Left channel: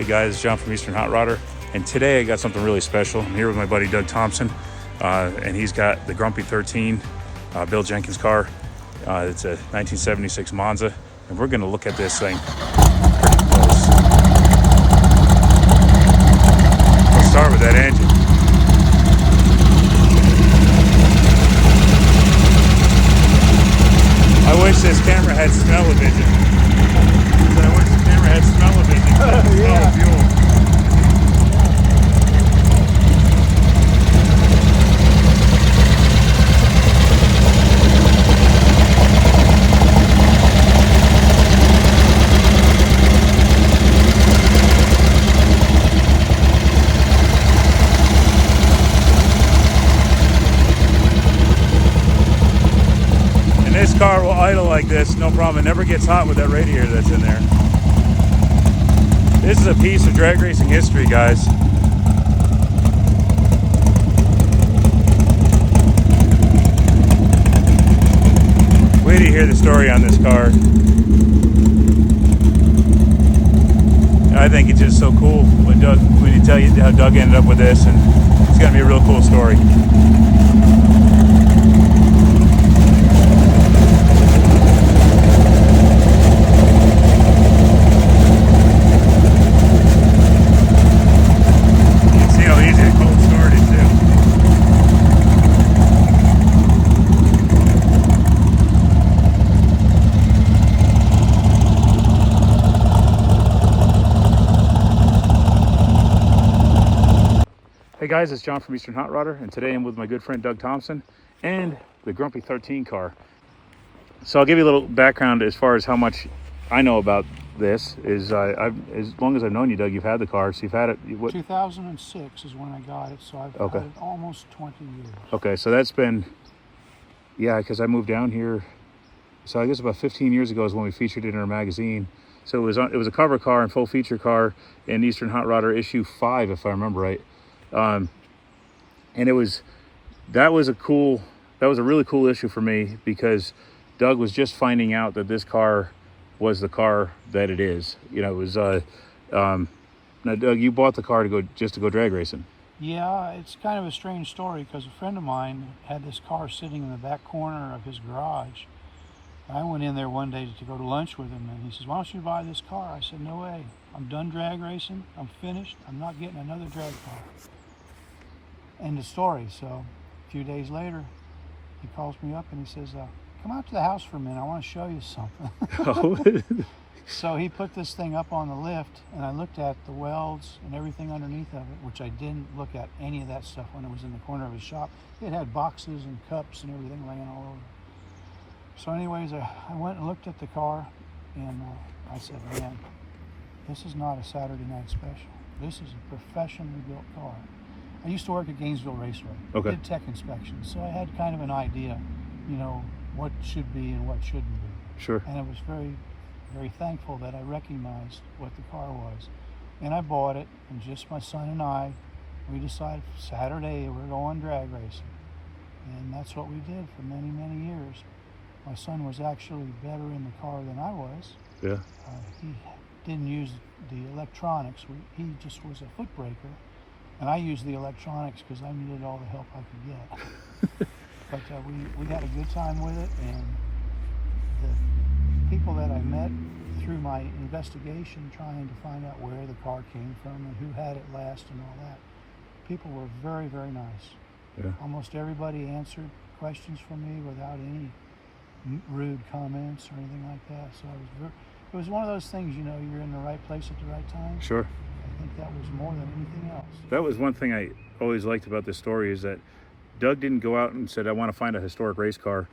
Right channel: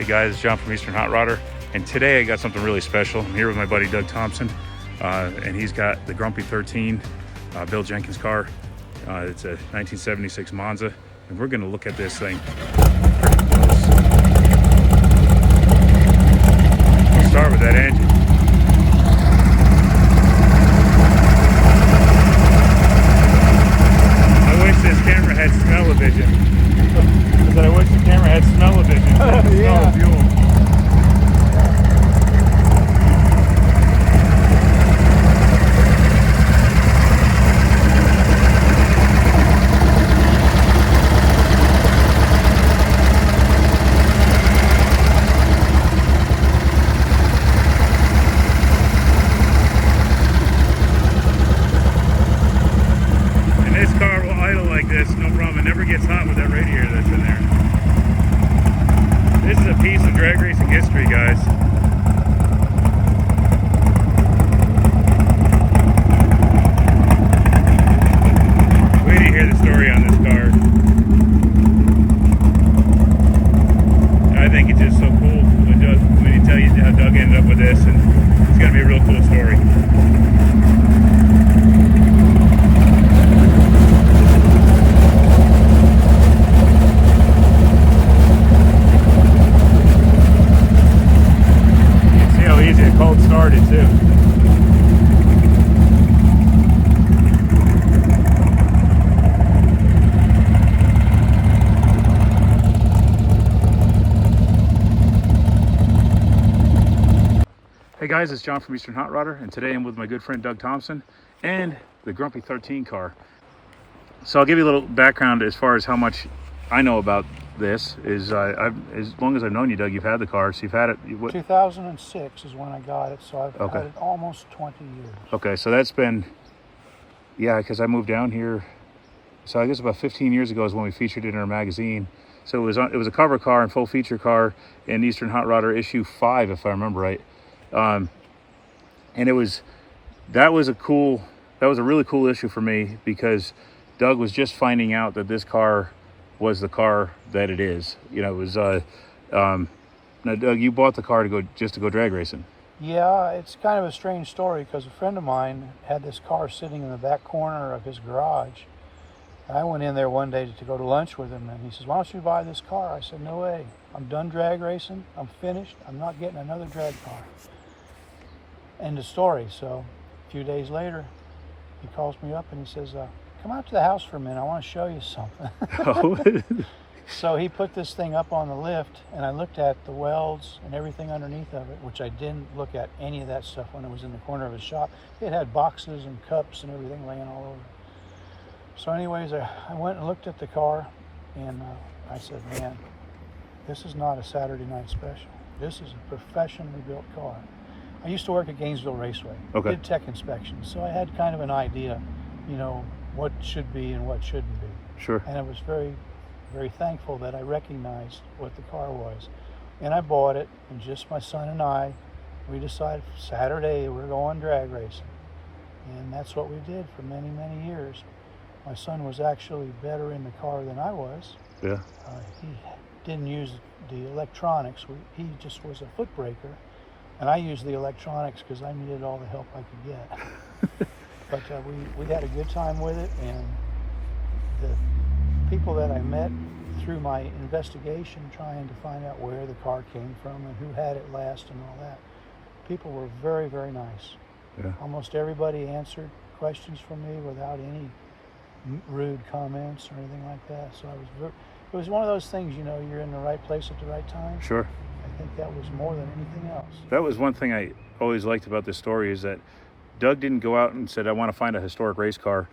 Hey guys, it's John from Eastern Hot Rodder, and today I got something really special. I'm here with my buddy Doug Thompson, and he's got the Grumpy 13 Bill Jenkins car. It's a 1976 Monza, and we're going to look at this thing pretty close. Let's start with that engine. I wish this camera had smell-o-vision. I wish the camera had smell-o-vision. Oh, yeah. Smell of fuel. And this car will idle like this, no problem. It never gets hot with that radiator that's in there. This is a piece of drag racing history, guys. Wait till you hear the story on this car. I think it's just so cool when you tell you how Doug ended up with this, and it's gonna be a real cool story. Hey guys, it's John from Eastern Hot Rodder, and today I'm with my good friend Doug Thompson and the Grumpy 13 car. So I'll give you a little background as far as how much I know about this. As long as I've known you, Doug, you've had the car, so you've had it. 2006 is when I got it, so I've had it almost 20 years. Okay, so that's been, yeah, because I moved down here, so I guess about 15 years ago is when we featured it in our magazine. So it was a cover car and full feature car in Eastern Hot Rodder issue 5, if I remember right. And that was a really cool issue for me, because Doug was just finding out that this car was the car that it is. You know, it was now Doug, you bought the car to go drag racing. Yeah, it's kind of a strange story, because a friend of mine had this car sitting in the back corner of his garage. I went in there one day to go to lunch with him, and he says, "Why don't you buy this car?" I said, "No way. I'm done drag racing. I'm finished. I'm not getting another drag car." End of story. So a few days later, he calls me up and he says, "Come out to the house for a minute. I want to show you something." Oh. So he put this thing up on the lift, and I looked at the welds and everything underneath of it, which I didn't look at any of that stuff when it was in the corner of his shop. It had boxes and cups and everything laying all over. So anyways, I went and looked at the car, and I said, "Man, this is not a Saturday night special. This is a professionally built car." I used to work at Gainesville Raceway. Okay. Did tech inspections, so I had kind of an idea, you know, what should be and what shouldn't be. Sure. And I was very, very thankful that I recognized what the car was. And I bought it, and just my son and I, we decided Saturday we're going drag racing. And that's what we did for many, many years. My son was actually better in the car than I was. Yeah. He didn't use the electronics. He just was a foot breaker. And I used the electronics because I needed all the help I could get. But we had a good time with it, and the people that I met through my investigation, trying to find out where the car came from and who had it last and all that, people were very, very nice. Yeah. Almost everybody answered questions from me without any rude comments or anything like that. So it was one of those things, you know, you're in the right place at the right time. Sure. I think that was more than anything else. That was one thing I always liked about this story, is that Doug didn't go out and said, "I want to find a historic race car."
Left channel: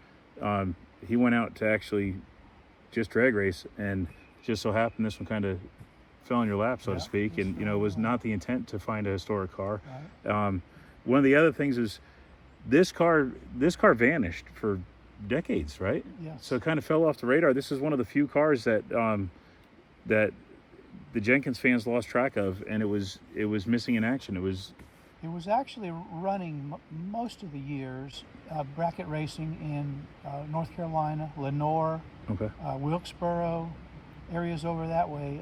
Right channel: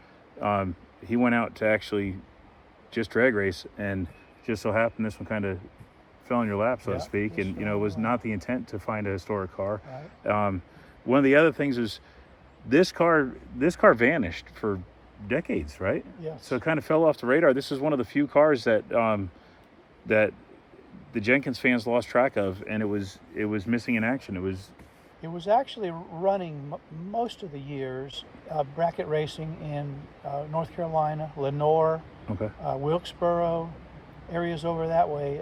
He went out to actually just drag race, and just so happened this one kind of fell in your lap, so to speak. And, you know, it was not the intent to find a historic car. Right. One of the other things is this car vanished for decades, right? Yes. So it kind of fell off the radar. This is one of the few cars that that the Jenkins fans lost track of, and it was missing in action. It was actually running most of the years, bracket racing in North Carolina, Lenore, okay, Wilkesboro, areas over that way.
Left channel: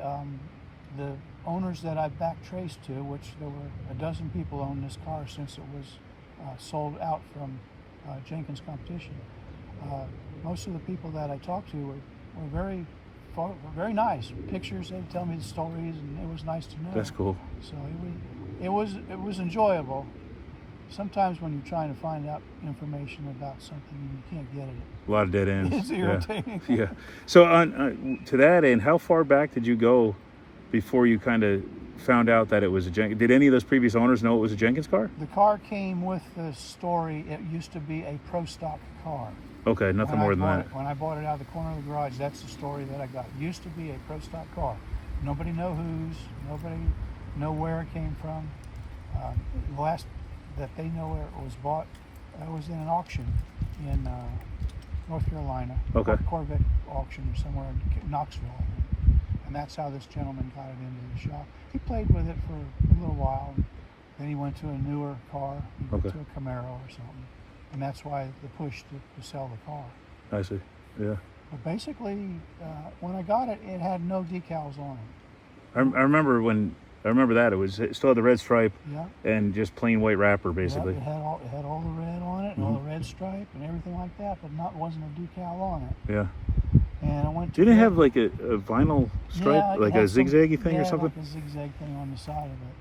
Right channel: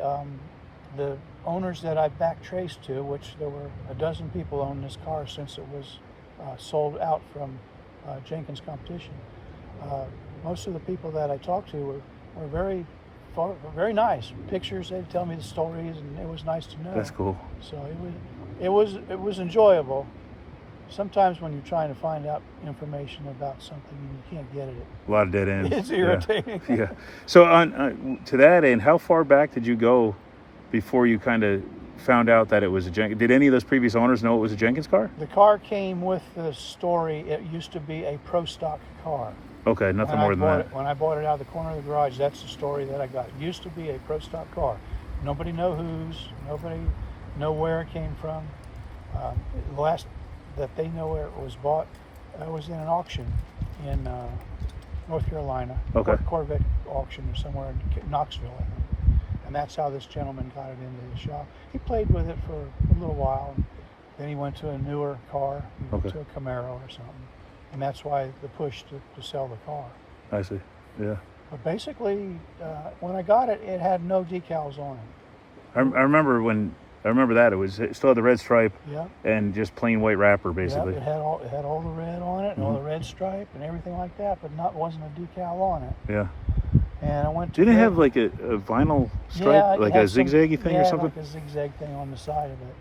the owners that I back traced to, which there were a dozen people owned this car since it was sold out from Jenkins Competition. Most of the people that I talked to were very nice. Pictures, they'd tell me the stories, and it was nice to know. That's cool. So it was enjoyable. Sometimes when you're trying to find out information about something, you can't get it. A lot of dead ends. It's irritating. Yeah. So on to that end, how far back did you go before you kind of found out that it was a Jenkins? Did any of those previous owners know it was a Jenkins car? The car came with the story. It used to be a pro stock car. Okay, nothing more than that. When I bought it out of the corner of the garage, that's the story that I got. It used to be a pro stock car. Nobody nobody know where it came from. The last that they know where it was bought, I was in an auction in North Carolina. Okay. Corvette auction or somewhere in Knoxville, I think. And that's how this gentleman got it into the shop. He played with it for a little while. Then he went to a newer car, to a Camaro or something. And that's why the push to sell the car. I see. Yeah. But basically, when I got it, it had no decals on it. I remember that it still had the red stripe, Yeah. and just plain white wrapper basically. Yeah, it had all the red on it, and all the red stripe and everything like that, but wasn't a decal on it. Yeah. And I went to Didn't it have like a vinyl stripe, Yeah, it like had a zigzaggy thing yeah, or something? like a zigzag thing on the side of it.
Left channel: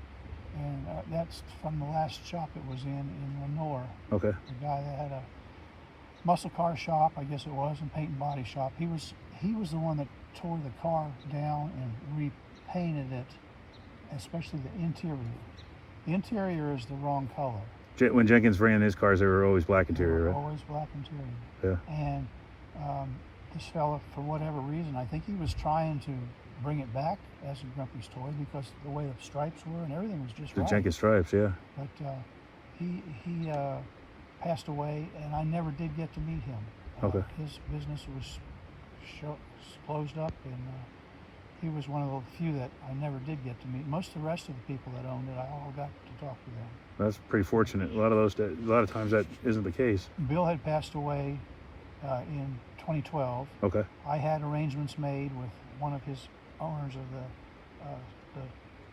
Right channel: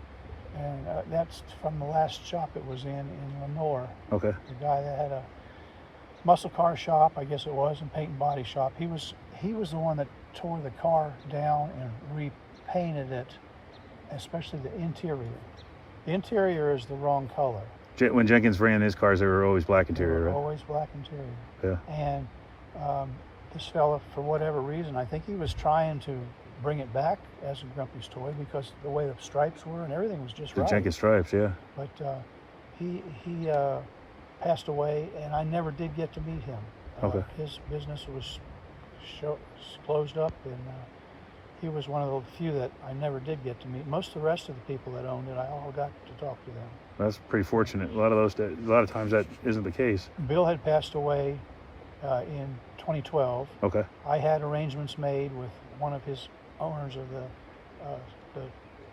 And that's from the last shop it was in Lenore. Okay. The guy that had a muscle car shop, I guess it was, and paint and body shop. He was the one that tore the car down and repainted it, especially the interior. The interior is the wrong color. When Jenkins ran his cars, they were always black interior, right? Always black interior. Yeah. And this fella, for whatever reason, I think he was trying to bring it back as a Grumpy's toy because the way the stripes were and everything was just The right. Jenkins stripes, yeah. But he passed away, and I never did get to meet him. Okay. His business was closed up, and he was one of the few that I never did get to meet. Most of the rest of the people that owned it, I all got to talk to them. That's pretty fortunate. A lot of times that isn't the case. Bill had passed away in 2012. Okay. I had arrangements made with one of his owners of the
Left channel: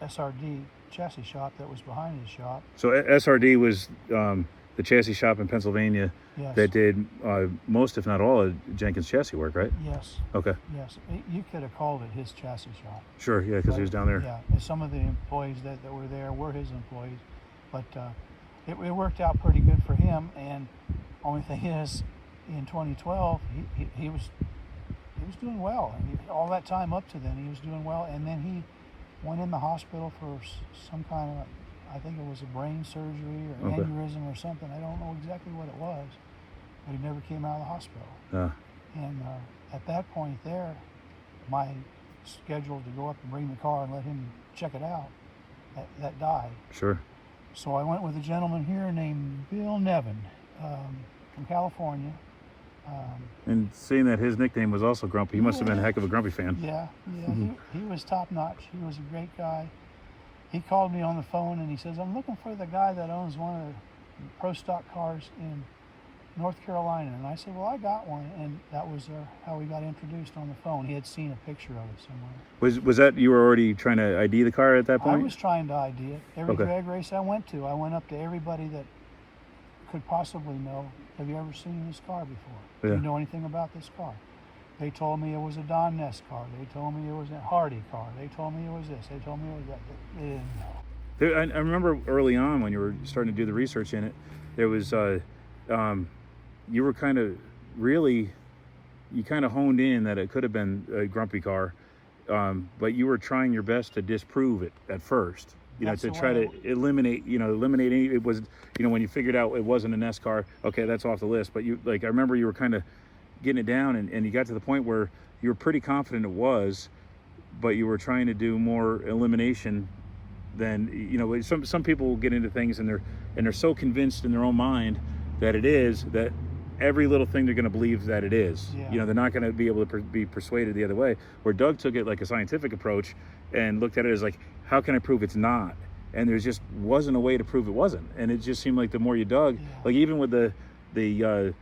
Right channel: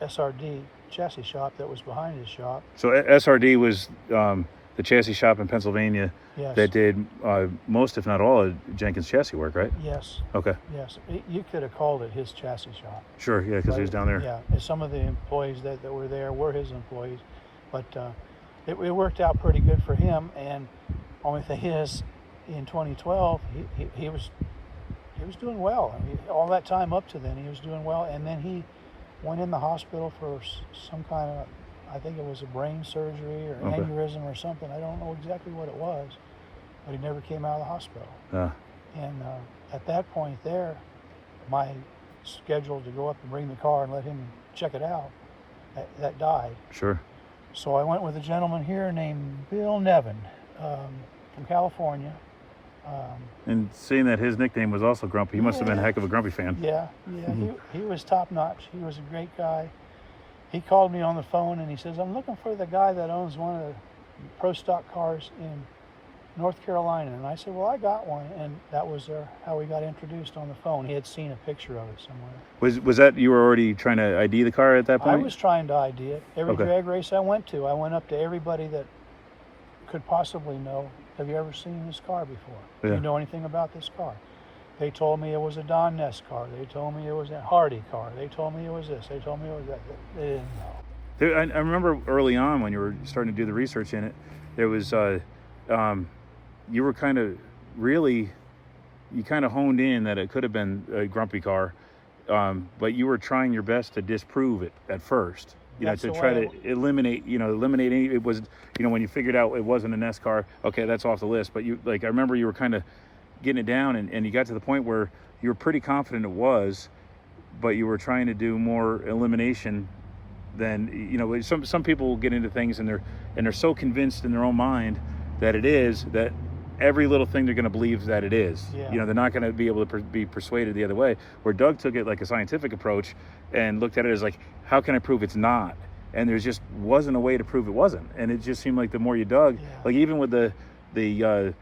SRD chassis shop that was behind his shop. So SRD was the chassis shop in Pennsylvania Yes. that did most, if not all, of Jenkins chassis work, right? Yes. Okay. Yes. You could have called it his chassis shop. Sure, yeah, because he was down there. Yeah. And some of the employees that were there were his employees, but it worked out pretty good for him. And only thing is, in 2012, he was doing well. I mean, all that time up to then, he was doing well, and then he went in the hospital for some kind of, I think it was a brain surgery or aneurysm or something. I don't know exactly what it was, but he never came out of the hospital. And at that point there, my schedule to go up and bring the car and let him check it out, that died. Sure. So I went with a gentleman here named Bill Nevin from California. And seeing that his nickname was also Grumpy, he must have been a heck of a Grumpy fan. Yeah, he was top notch. He was a great guy. He called me on the phone and he says, I'm looking for the guy that owns one of the pro stock cars in North Carolina. And I said, well, I got one. And that was how we got introduced on the phone. He had seen a picture of it somewhere. Was that, you were already trying to ID the car at that point? I was trying to ID it. Every drag race I went to, I went up to everybody that could possibly know, have you ever seen this car before? Yeah. Do you know anything about this car? They told me it was a Don Ness car. They told me it was a Hardy ar. They told me it was this. They told me it was that. They didn't know. I remember early on when you were starting to do the research in it, there was, you were kind of you kind of honed in that it could have been a Grumpy car, but you were trying your best to disprove it at first. To try to eliminate any, it was, when you figured out it wasn't an S car, okay, that's off the list. But I remember you were kind of getting it down and you got to the point where you were pretty confident it was, but you were trying to do more elimination than, some people will get into things and they're so convinced in their own mind that it is, that every little thing they're going to believe that it is. Yeah. They're not going to be able to be persuaded the other way. Where Doug took it like a scientific approach and looked at it as like, how can I prove it's not? And there just wasn't a way to prove it wasn't. And it just seemed like the more you dug, like even with the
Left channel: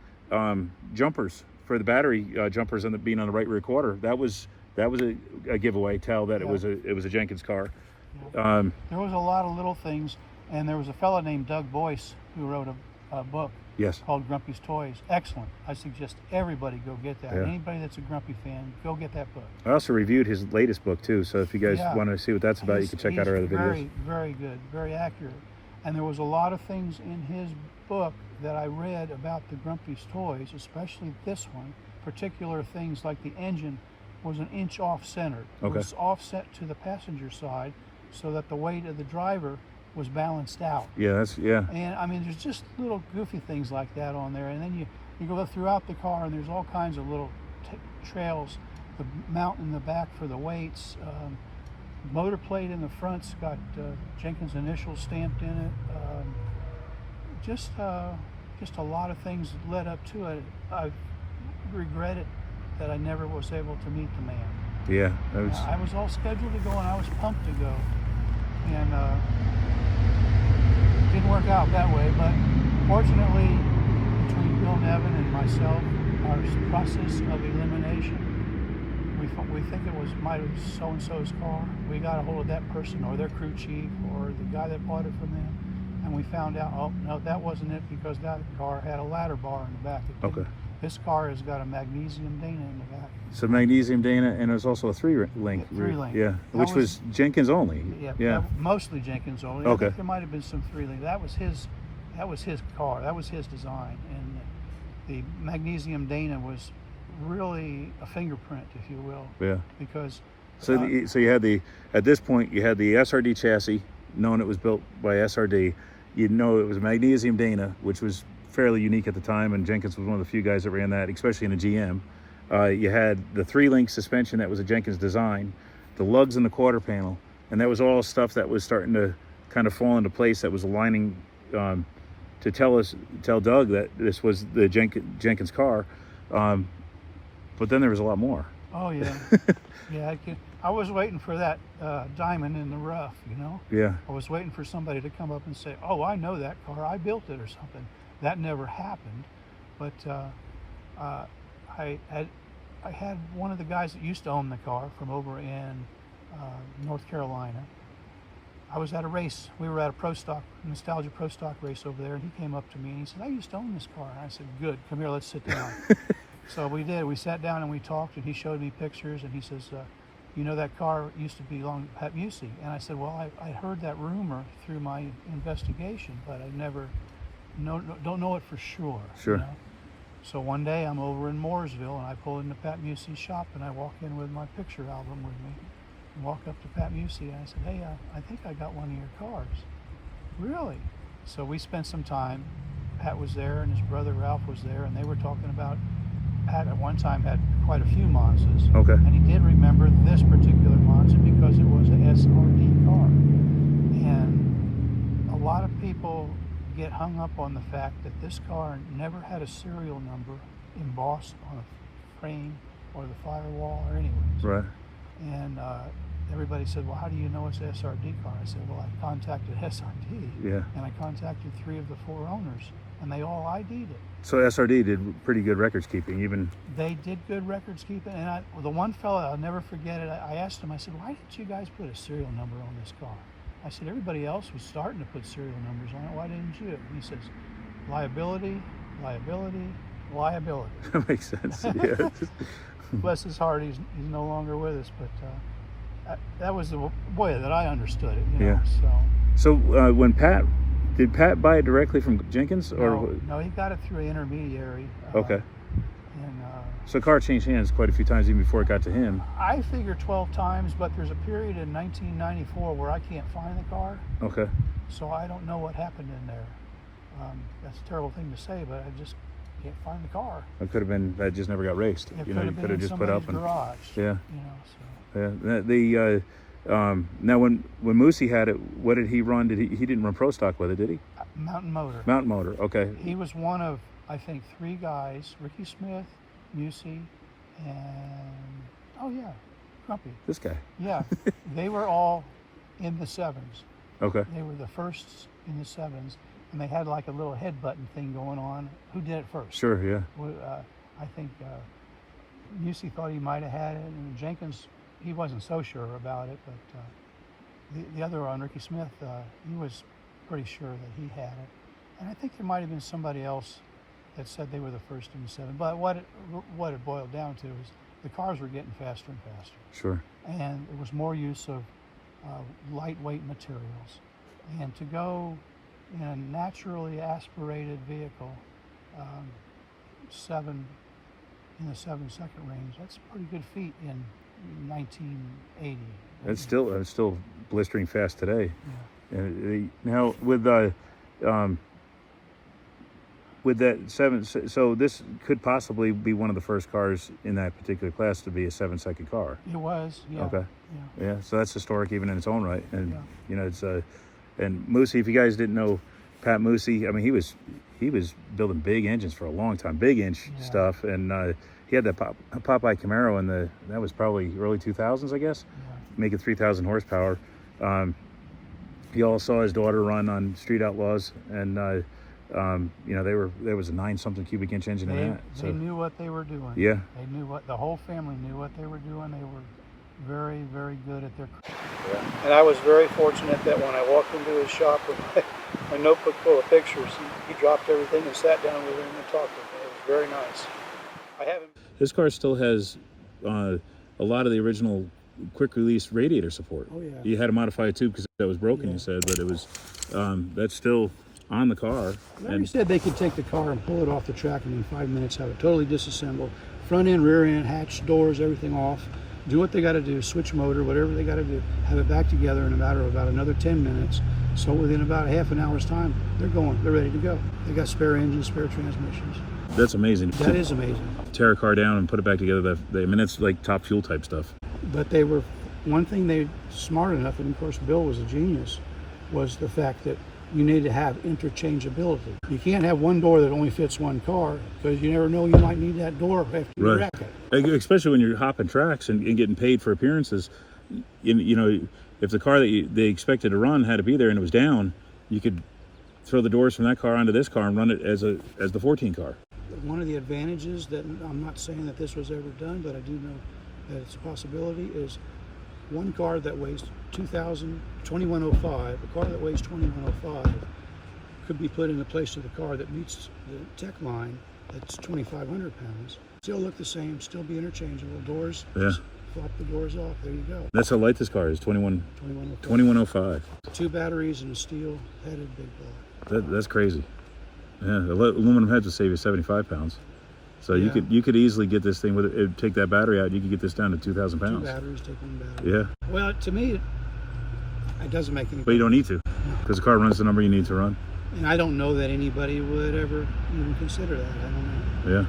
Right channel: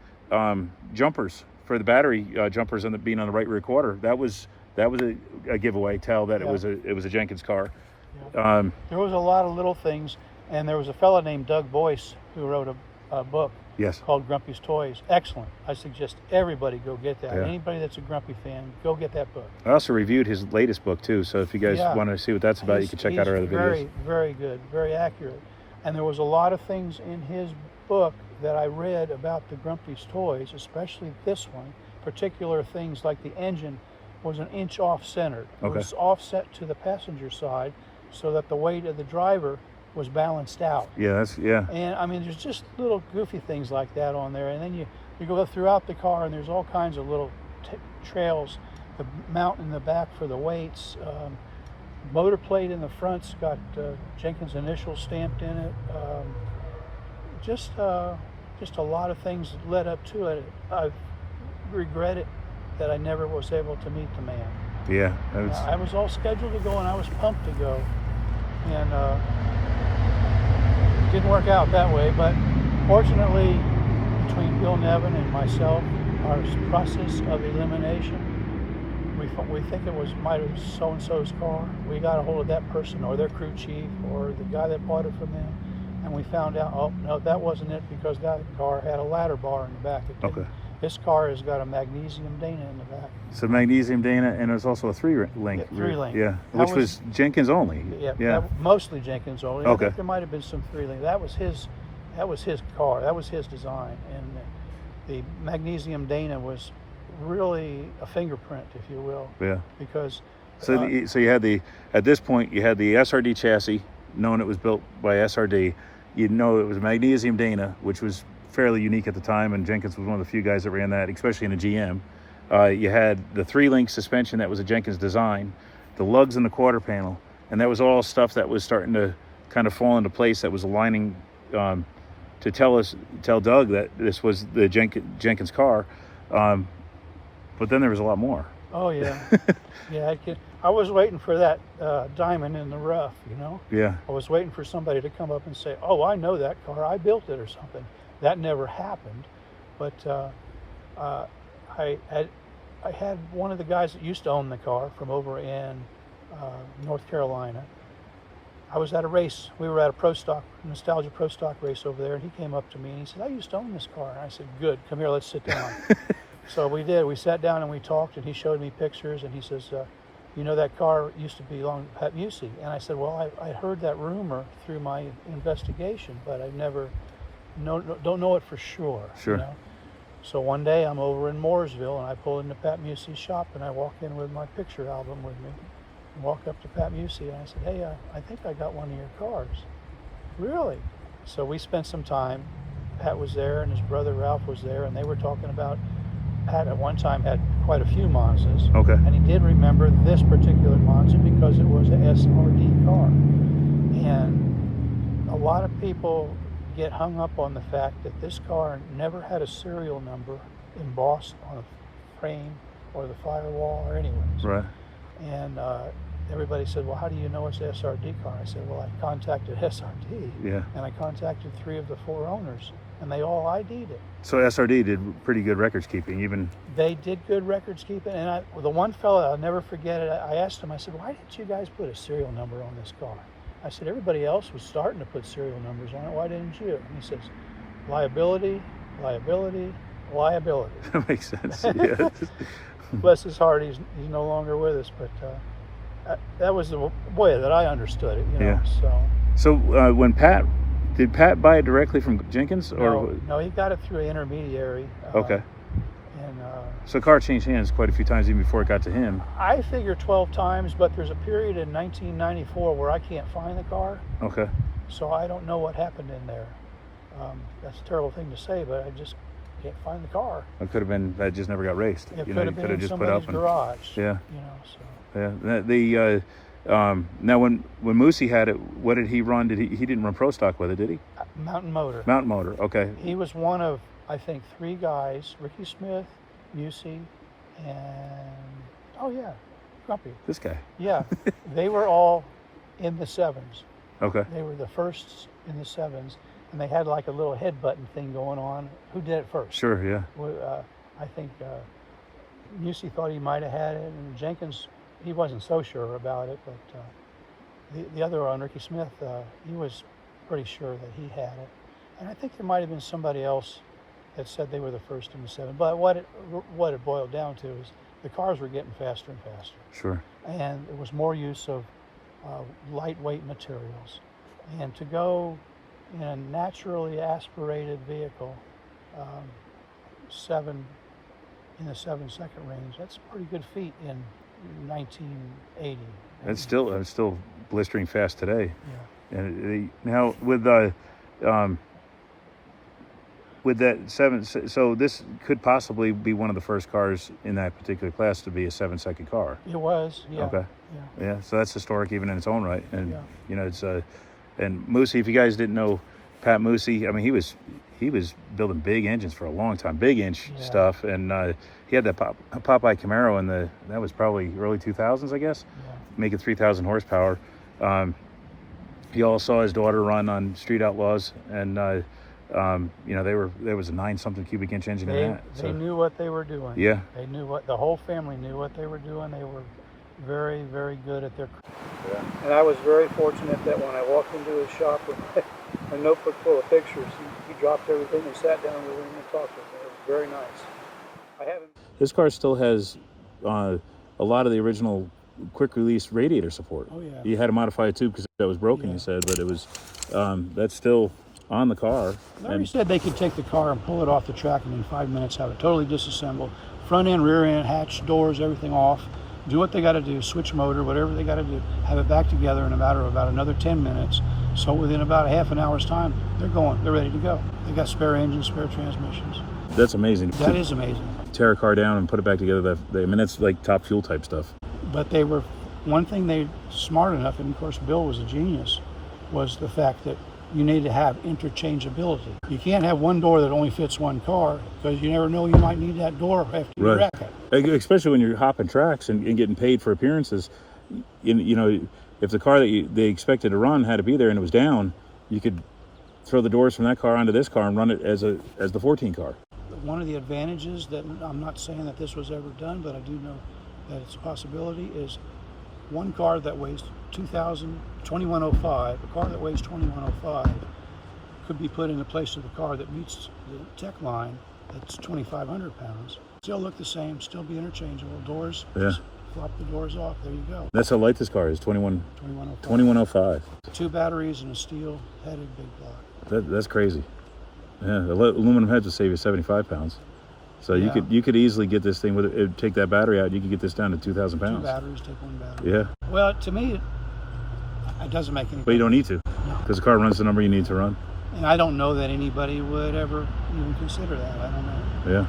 jumpers for the battery jumpers on the being on the right rear quarter. That was a giveaway. Tell that Yeah. it was a Jenkins car. Yeah. There was a lot of little things, and there was a fella named Doug Boyce who wrote a book Yes. called Grumpy's Toys. Excellent. I suggest everybody go get that. Yeah. Anybody that's a Grumpy fan, go get that book. I also reviewed his latest book too. So if you guys Yeah. want to see what that's about, you can check out our other very, videos. very good, very accurate. And there was a lot of things in his book that I read about the Grumpy's Toys, especially this one. Particular things like the engine was an inch off center. Okay. It was offset to the passenger side so that the weight of the driver was balanced out. Yeah, yeah. And I mean, there's just little goofy things like that on there. And then you go throughout the car, and there's all kinds of little trails. The mount in the back for the weights. Motor plate in the front's got Jenkins' initials stamped in it. Just a lot of things led up to it. I regret it that I never was able to meet the man. Yeah. I was all scheduled to go, and I was pumped to go. And it didn't work out that way, but fortunately, between Bill Nevin and myself, our process of elimination, we think it might have been so-and-so's car. We got a hold of that person or their crew chief or the guy that bought it from them, and we found out, oh, no, that wasn't it, because that car had a ladder bar in the back. Okay. This car has got a magnesium Dana in the back. So magnesium Dana, and there's also a three-link. Yeah, three-link. Yeah, which was Jenkins only. Yeah. Mostly Jenkins only. Okay. I think there might have been some three-link. That was his car. That was his design, and the magnesium Dana was really a fingerprint, if you will. Yeah. Because. So you had at this point you had the SRD chassis, knowing it was built by SRD. You know it was a magnesium Dana, which was fairly unique at the time, and Jenkins was one of the few guys that ran that, especially in a GM. You had the three-link suspension that was a Jenkins design, the lugs in the quarter panel, and that was all stuff that was starting to kind of fall into place, that was aligning to tell Doug that this was the Jenkins car. But then there was a lot more. Oh yeah. Yeah, I was waiting for that diamond in the rough, you know. Yeah. I was waiting for somebody to come up and say, "Oh, I know that car. I built it," or something. That never happened. But I had one of the guys that used to own the car from over in North Carolina. I was at a race. We were at a Pro Stock, Nostalgia Pro Stock race over there, and he came up to me and he said, "I used to own this car." And I said, "Good. Come here. Let's sit down." So we did. We sat down and we talked, and he showed me pictures, and he says, "You know, that car used to belong to Pat Busey." And I said, "Well, I heard that rumor through my investigation, but I never don't know it for sure." Sure. You know? So one day I'm over in Mooresville, and I pull into Pat Busey's shop, and I walk in with my picture album with me, and walk up to Pat Busey, and I said, "Hey, I think I got one of your cars." "Really?" So we spent some time. Pat was there, and his brother Ralph was there, and they were talking about. Pat at one time had quite a few Monzas. Okay. And he did remember this particular Monza because it was a SRD car. And a lot of people get hung up on the fact that this car never had a serial number embossed on a frame or the firewall or anywhere. Right. And everybody said, "Well, how do you know it's an SRD car?" I said, "Well, I contacted SRD, Yeah. and I contacted 3 of the 4 owners, and they all ID'd it." So SRD did pretty good records keeping, even. They did good records keeping, and the one fella, I'll never forget it, I asked him, I said, "Why didn't you guys put a serial number on this car?" I said, "Everybody else was starting to put serial numbers on it. Why didn't you?" And he says, "Liability, liability, liability." That makes sense. Yeah. Bless his heart, he's no longer with us, but that was the way that I understood it. You know, Yeah. So when did Pat buy it directly from Jenkins, or no, he got it through an intermediary. Okay. And So the car changed hands quite a few times even before it got to him. I figure 12 times, but there's a period in 1994 where I can't find the car, Okay. so I don't know what happened in there. That's a terrible thing to say, but I just can't find the car. It could have been that just never got raced. It You know, you could have just put up and garage. yeah. You know, so. Yeah. Now when Moosey had it, what did he run? He didn't run Pro Stock with it, did he? Mountain Motor. Mountain Motor. Okay. He was one of, I think, 3 guys: Ricky Smith, Busey, and Grumpy. This guy. Yeah, they were all in the 7s. Okay. They were the firsts in the 7s, and they had like a little head button thing going on. Who did it first? Sure. Yeah. I think Busey thought he might have had it, and Jenkins, he wasn't so sure about it, but the other one, Ricky Smith, he was pretty sure that he had it. And I think there might have been somebody else that said they were the first in the 7. But what it boiled down to is the cars were getting faster and faster. Sure. And it was more use of lightweight materials. And to go in a naturally aspirated vehicle, 7 in the 7-second range, that's a pretty good feat in 1980. It's still blistering fast today. Yeah. And now with that 7, so this could possibly be one of the first cars in that particular class to be a 7-second car. It was, yeah. Okay. Yeah. So that's historic even in its own right. And Yeah. you know, it's and Moosey, if you guys didn't know Pat Moosey, I mean, he was building big engines for a long time, big inch stuff, and he had that Popeye Camaro in that was probably early 2000s, I guess, making 3,000 horsepower. He all saw his daughter run on Street Outlaws, and you know, there was a 9-something cubic inch engine in that. They knew what they were doing. Yeah. They knew the whole family knew what they were doing. They were very, very good at their craft. Yeah. And I was very fortunate that when I walked into his shop with my notebook full of pictures, he dropped everything and sat down with him and talked with me. It was very nice. This car still has a lot of the original quick release radiator support. Oh, yeah. You had to modify it too because that was broken, Yeah. you said, but it was that's still on the car. Larry said they could take the car and pull it off the track and in 5 minutes have it totally disassembled. Front end, rear end, hatch, doors, everything off. Do what they got to do, switch motor, whatever they got to do, have it back together in a matter of about another 10 minutes. So within about half an hour's time, they're ready to go. They got spare engines, spare transmissions. That's amazing. That is amazing. Tear a car down and put it back together. I mean, that's like top fuel type stuff. But one thing they smart enough, and of course Bill was a genius, was the fact that you need to have interchangeability. You can't have one door that only fits one car because you never know, you might need that door after you wreck it. Especially when you're hopping tracks and getting paid for appearances. You know, if the car that they expected to run had to be there and it was down, you could throw the doors from that car onto this car and run it as the 14 car. One of the advantages that, I'm not saying that this was ever done, but I do know that it's a possibility, is one car that weighs 2105, a car that weighs 2105 could be put in the place of the car that meets the tech line that's 2,500 pounds. Still look the same, still be interchangeable. Doors, just flop the doors off, there you go. That's how light this car is, 2105. 2 batteries and a steel-headed big block. That's crazy. Yeah, aluminum heads would save you 75 pounds. So you could easily get this thing with it. Take that battery out. You could get this down to 2,000 pounds. 2 batteries, take 1 battery. Yeah. Well, to me, it doesn't make any. But you don't need to, because the car runs the number you need to run. And I don't know that anybody would ever even consider that. I don't know. Yeah.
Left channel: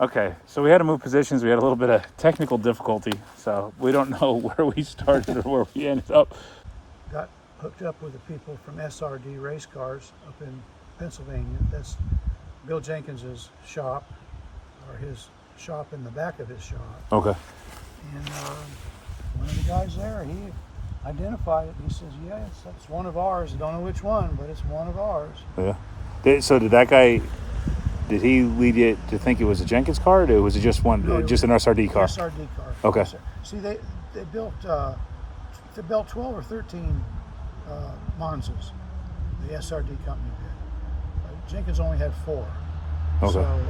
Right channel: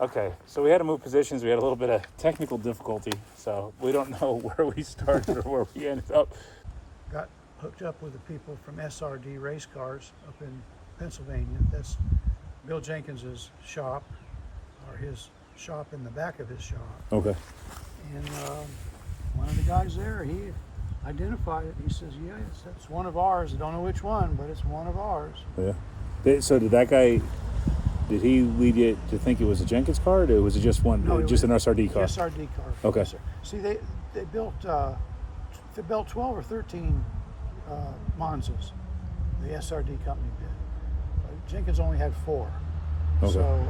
Okay, so we had to move positions. We had a little bit of technical difficulty, so we don't know where we started or where we ended up. Got hooked up with the people from SRD Race Cars up in Pennsylvania. That's Bill Jenkins's shop, or his shop in the back of his shop. Okay. And one of the guys there, he identified it. He says, yeah, it's one of ours. I don't know which one, but it's one of ours. Yeah. So did that guy, did he lead you to think it was a Jenkins car, or was it just one, No, just an SRD car? SRD car. Okay. See, they built 12 or 13 Monzas. The SRD company did. Jenkins only had 4. Okay. So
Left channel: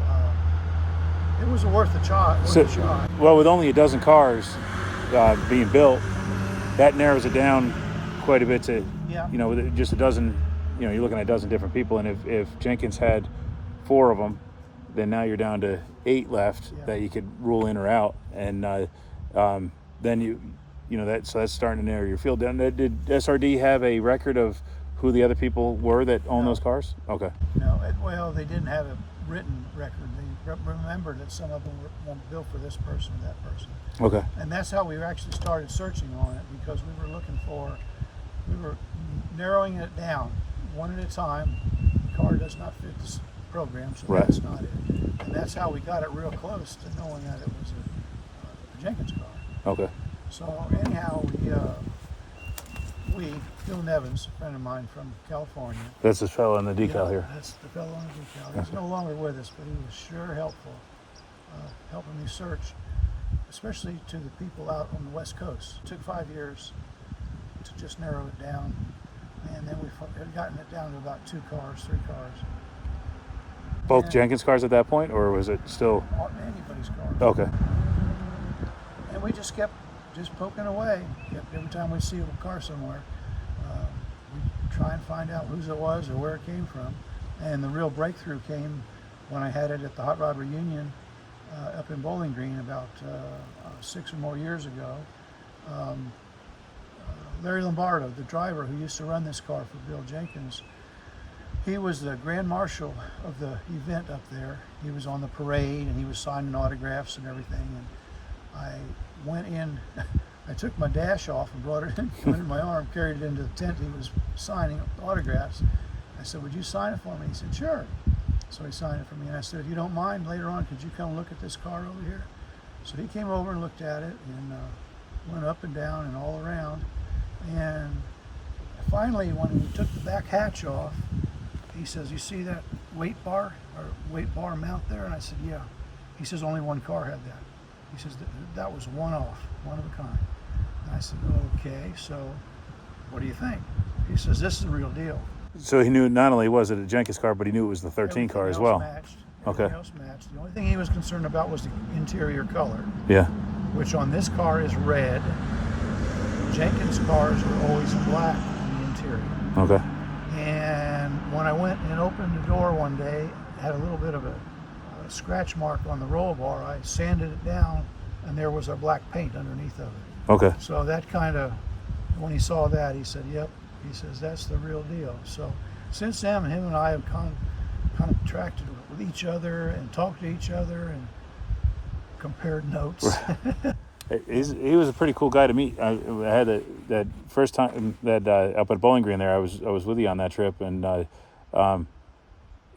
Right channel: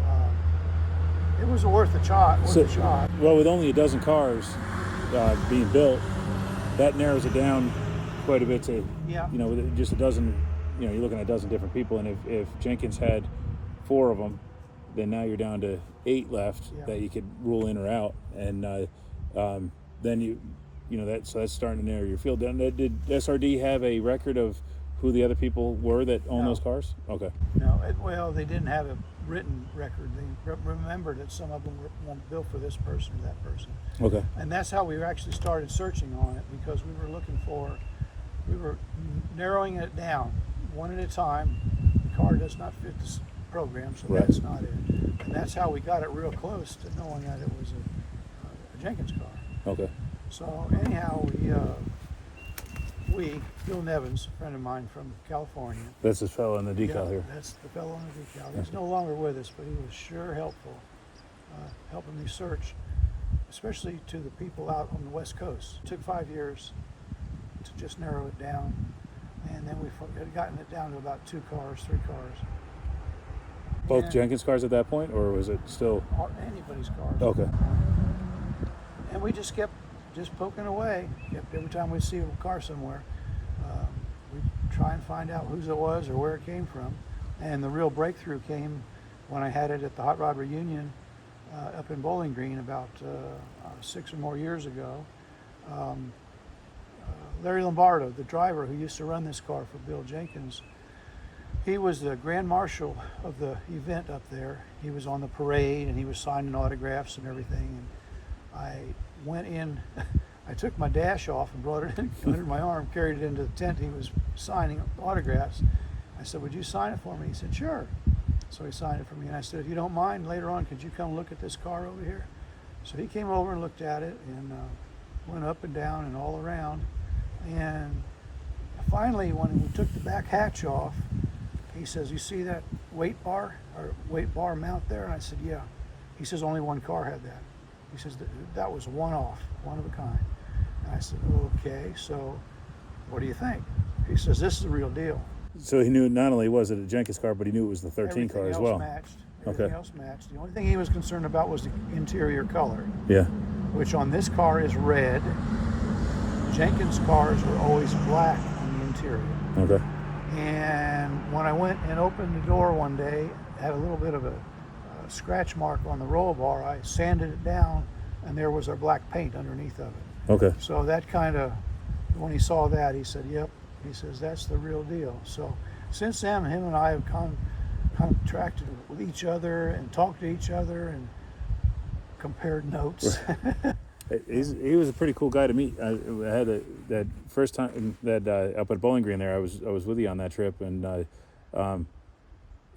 it was worth a shot. Well, with only a dozen cars being built, that narrows it down quite a bit to, with just a dozen, you're looking at a dozen different people. And if Jenkins had 4 of them, then now you're down to 8 left that you could rule in or out. And then so that's starting to narrow your field down. Did SRD have a record of who the other people were that owned those cars? Okay. No, well, they didn't have a written record. They remembered that some of them were built for this person or that person. Okay. And that's how we actually started searching on it, because we were narrowing it down one at a time. The car does not fit this program, so that's not it. And that's how we got it real close to knowing that it was a Jenkins car. Okay. So anyhow, Bill Nevins, a friend of mine from California. That's the fellow on the decal here. That's the fellow on the decal. He's no longer with us, but he was sure helpful, helping me search, especially to the people out on the West Coast. It took 5 years to just narrow it down, and then we had gotten it down to about 2 cars, 3 cars. Both Jenkins cars at that point, or was it still? Anybody's cars. Okay. And we just kept poking away. Every time we see a car somewhere, we try and find out whose it was or where it came from. And the real breakthrough came when I had it at the Hot Rod Reunion up in Bowling Green about 6 or more years ago. Larry Lombardo, the driver who used to run this car for Bill Jenkins, he was the grand marshal of the event up there. He was on the parade and he was signing autographs and everything. And I went in, I took my dash off and brought it in under my arm, carried it into the tent. He was signing autographs. I said, would you sign it for me? He said, sure. So he signed it for me. And I said, if you don't mind, later on, could you come look at this car over here? So he came over and looked at it and went up and down and all around. And finally, when we took the back hatch off, he says, you see that weight bar mount there? And I said, yeah. He says, only one car had that. He says, that was one of a kind. And I said, okay, so what do you think? He says, this is the real deal. So he knew not only was it a Jenkins car, but he knew it was the 13 car as well. Everything else matched. The only thing he was concerned about was the interior color. Yeah. Which on this car is red. Jenkins cars are always black on the interior. Okay. And when I went and opened the door one day, it had a little bit of a scratch mark on the roll bar. I sanded it down, and there was our black paint underneath of it. Okay. So that kind of, when he saw that, he said, yep. He says, that's the real deal. So since then, him and I have contracted with each other and talked to each other and compared notes. He was a pretty cool guy to meet. I had that first time that up at Bowling Green there, I was with you on that trip, and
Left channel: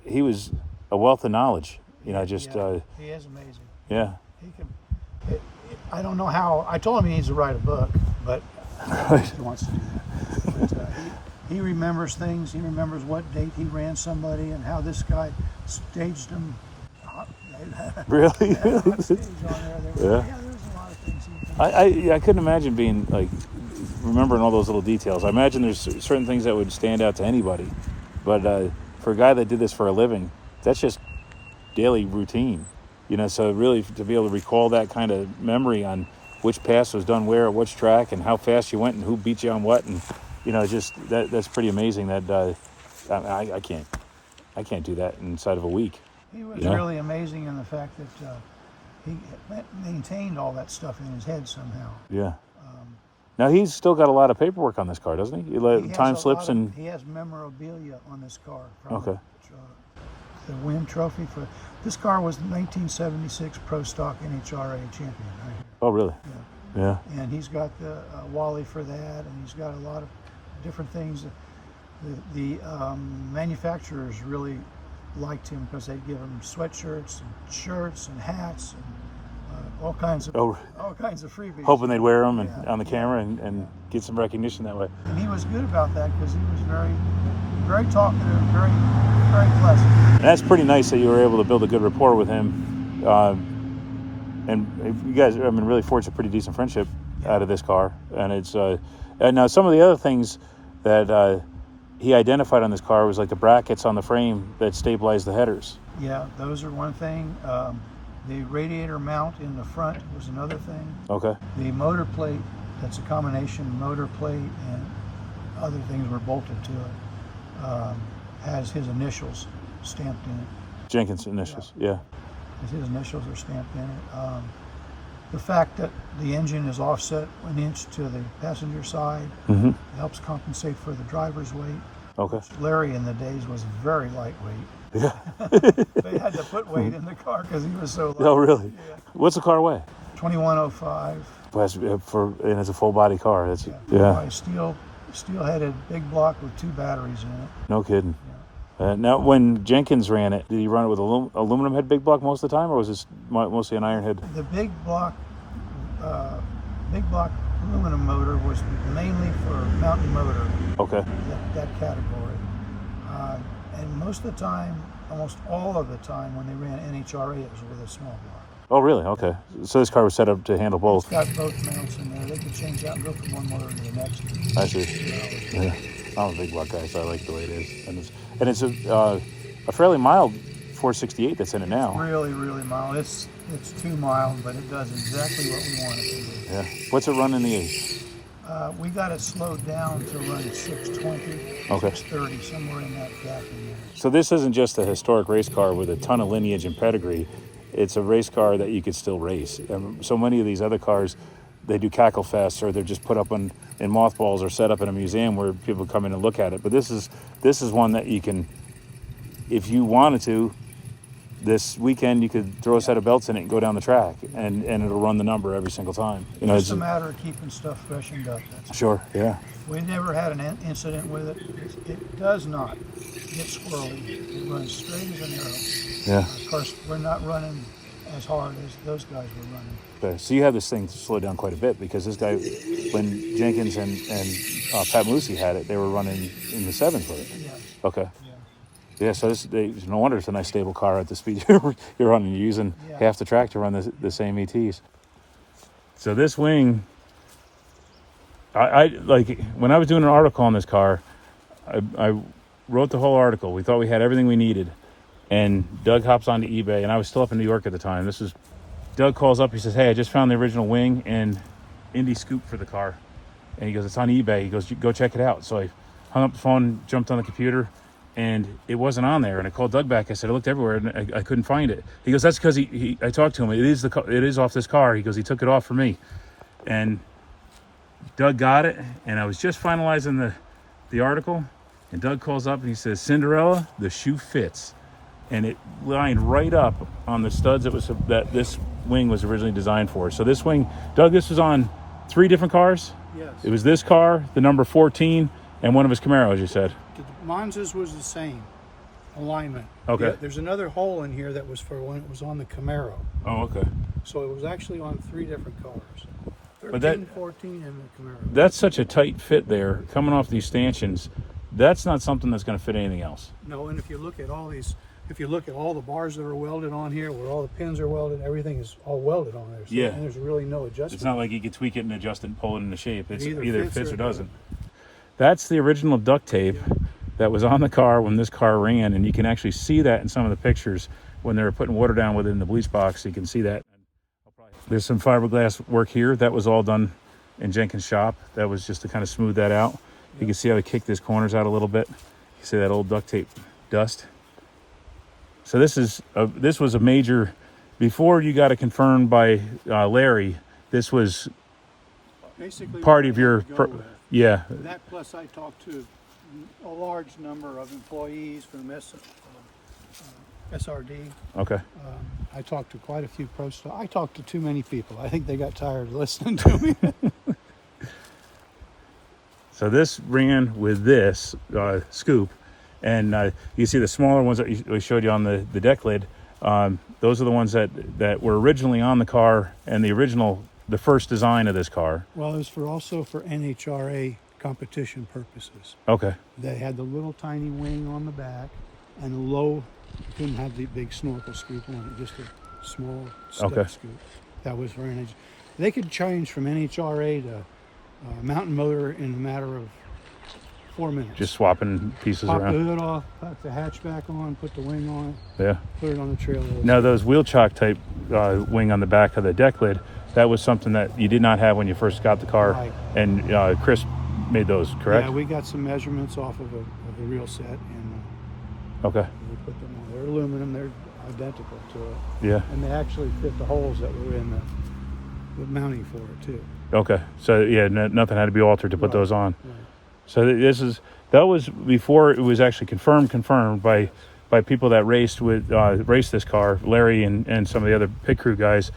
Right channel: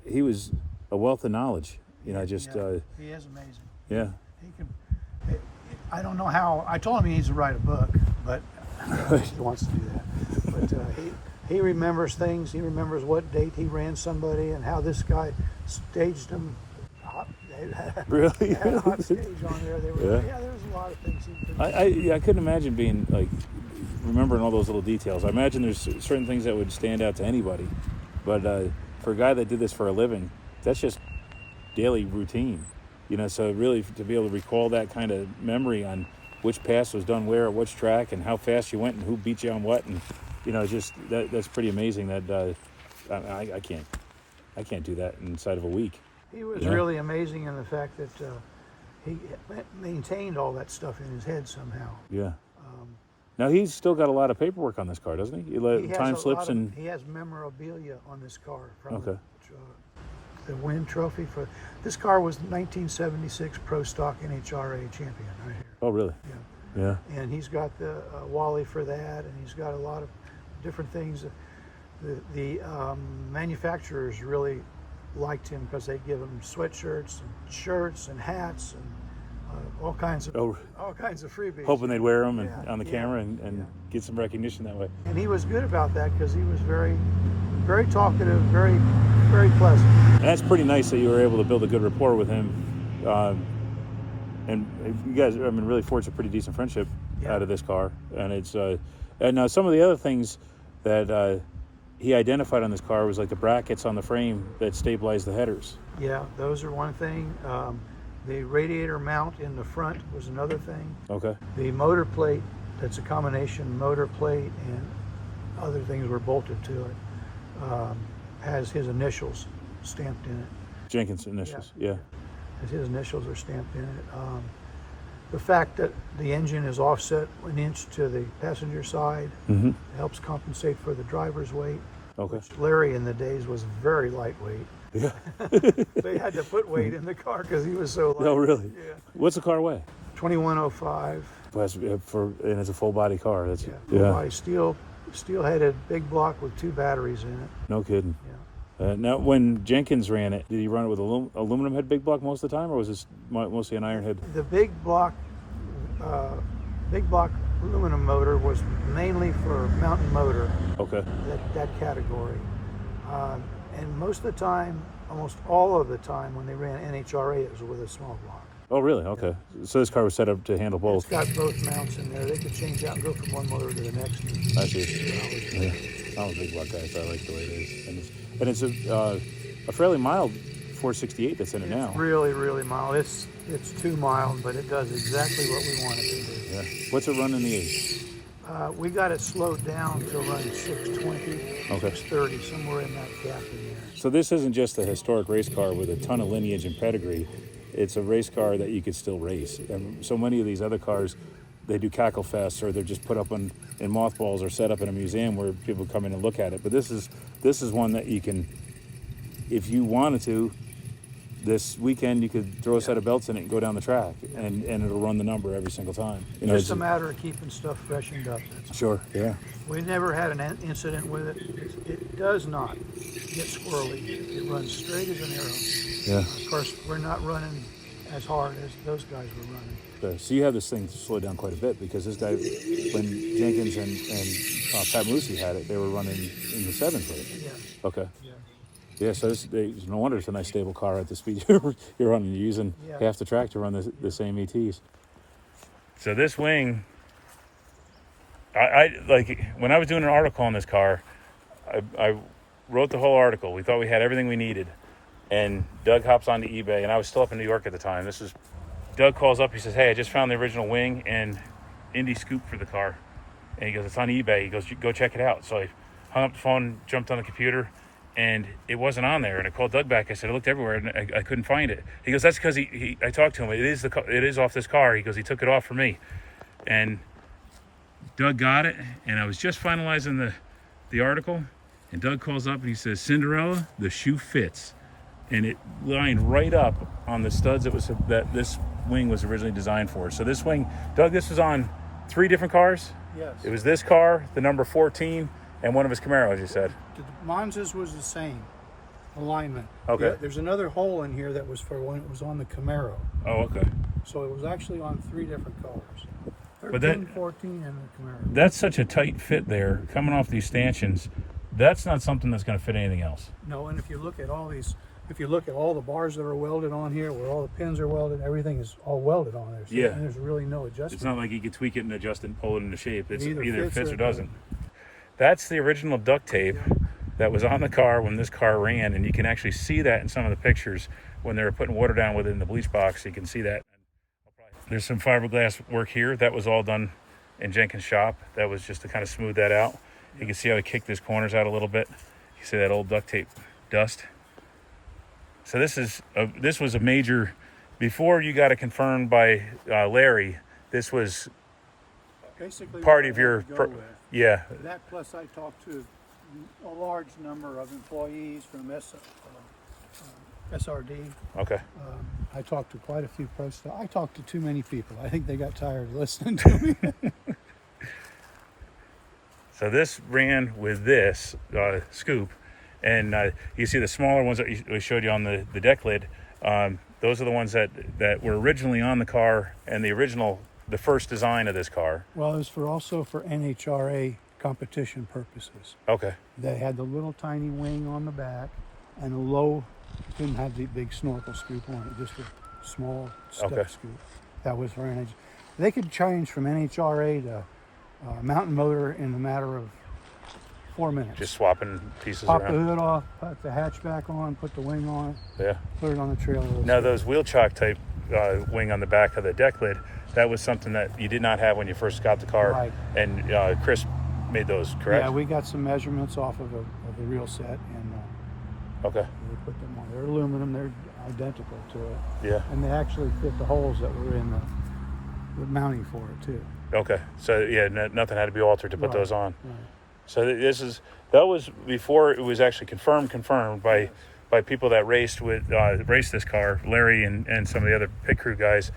he was a wealth of knowledge. He is amazing. Yeah. He can. I don't know how. I told him he needs to write a book, but he wants to do that. But he remembers things. He remembers what date he ran somebody and how this guy staged him. Really? Hot stage on there. There was a lot of things. I couldn't imagine being remembering all those little details. I imagine there's certain things that would stand out to anybody, but for a guy that did this for a living, that's just daily routine, so really to be able to recall that kind of memory on which pass was done where at which track and how fast you went and who beat you on what, and just that's pretty amazing. That I can't do that inside of a week. He was really amazing in the fact that he maintained all that stuff in his head somehow. Yeah. Now he's still got a lot of paperwork on this car, doesn't he? Time slips and he has memorabilia on this car. Okay. The win trophy for this car was the 1976 Pro Stock NHRA champion right here. Oh, really? Yeah. And he's got the Wally for that, and he's got a lot of different things. The manufacturers really liked him because they give him sweatshirts and shirts and hats and all kinds of freebies. Hoping they'd wear them Yeah, on the camera and get some recognition that way. And he was good about that because he was very, very talkative, very, very pleasant. And that's pretty nice that you were able to build a good rapport with him. And you guys, I mean, really forged a pretty decent friendship out of this car. And it's and now some of the other things that he identified on this car was like the brackets on the frame that stabilize the headers. Yeah, those are one thing. The radiator mount in the front was another thing. Okay. The motor plate, that's a combination motor plate and other things were bolted to it, has his initials stamped in it. Jenkins initials, yeah. His initials are stamped in it. The fact that the engine is offset 1 inch to the passenger side helps compensate for the driver's weight. Okay. Larry in the days was very lightweight. Yeah. They had to put weight in the car because he was so light. Oh, really? Yeah. What's the car weigh? 2105. And it's a full body car. That's By steel-headed big block with 2 batteries in it. No kidding. Yeah. Now, when Jenkins ran it, did he run it with aluminum head big block most of the time, or was this mostly an iron head? The big block aluminum motor was mainly for mountain motor. Okay. That category. And most of the time, almost all of the time, when they ran NHRA, it was with a small block. Oh, really? Okay. So this car was set up to handle both. It's got both mounts in there. They could change out and go from one motor to the next. I see. Yeah. I'm a big block guy, so I like the way it is. And it's a fairly mild 468 that's in it now. Really, really mild. It's too mild, but it does exactly what we want it to do. Yeah. What's it run in the 8? We got it slowed down to run 620, Okay. 630, somewhere in that gap in there. So this isn't just a historic race car with a ton of lineage and pedigree. It's a race car that you could still race. So many of these other cars, they do cackle fest, or they're just put up in mothballs or set up in a museum where people come in and look at it. But this is one that you can, if you wanted to, this weekend you could throw a set of belts in it and go down the track, and it'll run the number every single time. You know, It's a matter of keeping stuff freshened up. Sure, yeah. We never had an incident with it. It does not get squirrely. It runs straight as an arrow. Yeah. Of course, we're not running as hard as those guys were running. Okay. So you have this thing slowed down quite a bit, because this guy, when Jenkins and Pat Moosey had it, they were running in the 7s with it. Yeah. Okay. Yeah. Yeah, so no wonder it's a nice stable car at the speed you're running. You're using half the track to run the same ETs. So this wing, I like, when I was doing an article on this car, I wrote the whole article. We thought we had everything we needed. And Doug hops onto eBay, and I was still up in New York at the time. Doug calls up, he says, hey, I just found the original wing and Indy scoop for the car. And he goes, it's on eBay. He goes, go check it out. So I hung up the phone, jumped on the computer, and it wasn't on there. And I called Doug back. I said, I looked everywhere and I couldn't find it. He goes, that's because I talked to him. It is off this car. He goes, he took it off for me. And Doug got it, and I was just finalizing the article, and Doug calls up and he says, Cinderella, the shoe fits. And it lined right up on the studs that this wing was originally designed for. So this wing, Doug, this was on 3 different cars? Yes. It was this car, the number 14, and one of his Camaros, you said. The Monza's was the same alignment. Okay. Yeah, there's another hole in here that was for when it was on the Camaro. Oh, okay. So it was actually on 3 different cars. 13, But 14, and the Camaro. That's such a tight fit there, coming off these stanchions. That's not something that's going to fit anything else. No, and if you look at all the bars that are welded on here, where all the pins are welded, everything is all welded on there. So, Yeah. and there's really no adjustment. It's not like you can tweak it and adjust it and pull it into shape. It's either either fits fits or or it doesn't. That's the original duct tape that was on the car when this car ran, and you can actually see that in some of the pictures when they were putting water down within the bleach box. You can see that. There's some fiberglass work here that was all done in Jenkins' shop. That was just to kind of smooth that out. You can see how they kicked these corners out a little bit. You see that old duct tape dust. So this was a major, before you got it confirmed by Larry, this was basically part of your, yeah. That plus I talked to a large number of employees from SRD. Okay. I talked to quite a few posts. I talked to too many people. I think they got tired of listening to me. So this ran with this scoop, and you see the smaller ones that we showed you on the deck lid. Those are the ones that were originally on the car, and the first design of this car. Well, it was also for NHRA competition purposes. Okay. They had the little tiny wing on the back, and a low, couldn't have the big snorkel scoop on it, just a small step scoop. That was for NHRA. They could change from NHRA to mountain motor in a matter of 4 minutes. Just swapping pieces Pop around. the hood off, put the hatchback on, put the wing on, Yeah. put it on the trailer. Now those wheel chock type wing on the back of the deck lid, that was something that you did not have when you first got the car. Right. And Chris made those, correct? Yeah, we got some measurements off of a real set, and Okay. we put them on. They're aluminum, they're identical to it. Yeah. And they actually fit the holes that were in the mounting for it too. Okay. So yeah, nothing had to be altered to put those on. Right. So that was before it was actually confirmed by people that raced this car, Larry and some of the other pit crew guys.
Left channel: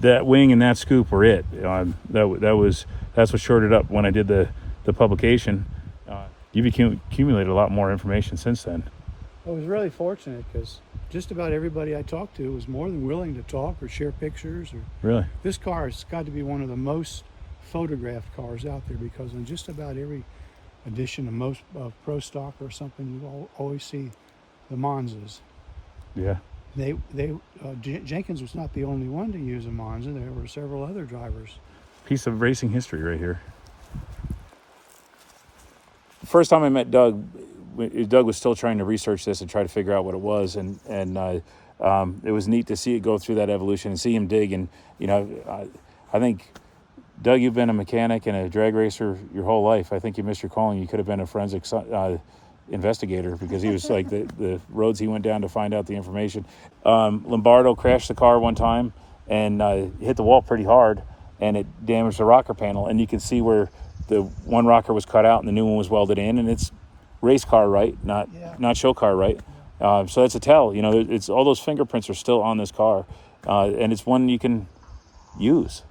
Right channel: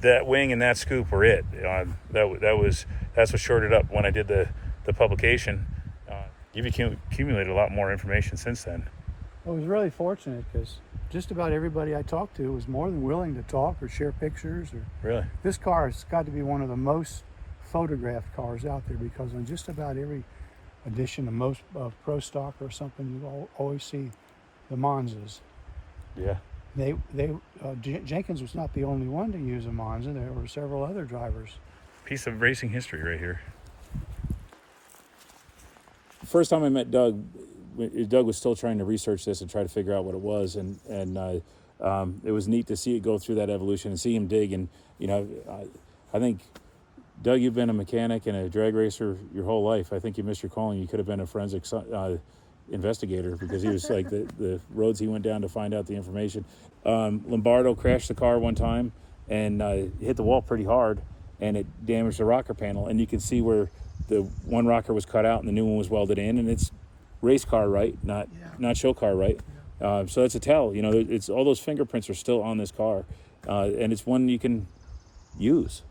That wing and that scoop were it. That's what shorted up when I did the publication. You've accumulated a lot more information since then. I was really fortunate because just about everybody I talked to was more than willing to talk or share pictures. Really? This car has got to be one of the most photographed cars out there, because on just about every edition of Pro Stock or something, you always see the Monzas. Yeah. Jenkins was not the only one to use a Monza. There were several other drivers. Piece of racing history right here. The first time I met Doug was still trying to research this and try to figure out what it was, and it was neat to see it go through that evolution and see him dig. And I think, Doug, you've been a mechanic and a drag racer your whole life. I think you missed your calling. You could have been a forensic investigator, because he was like the roads he went down to find out the information. Lombardo crashed the car one time and hit the wall pretty hard, and it damaged the rocker panel. And you can see where the one rocker was cut out and the new one was welded in, and it's race car right, not show car right. So that's a tell. It's all those fingerprints are still on this car, and it's one you can use.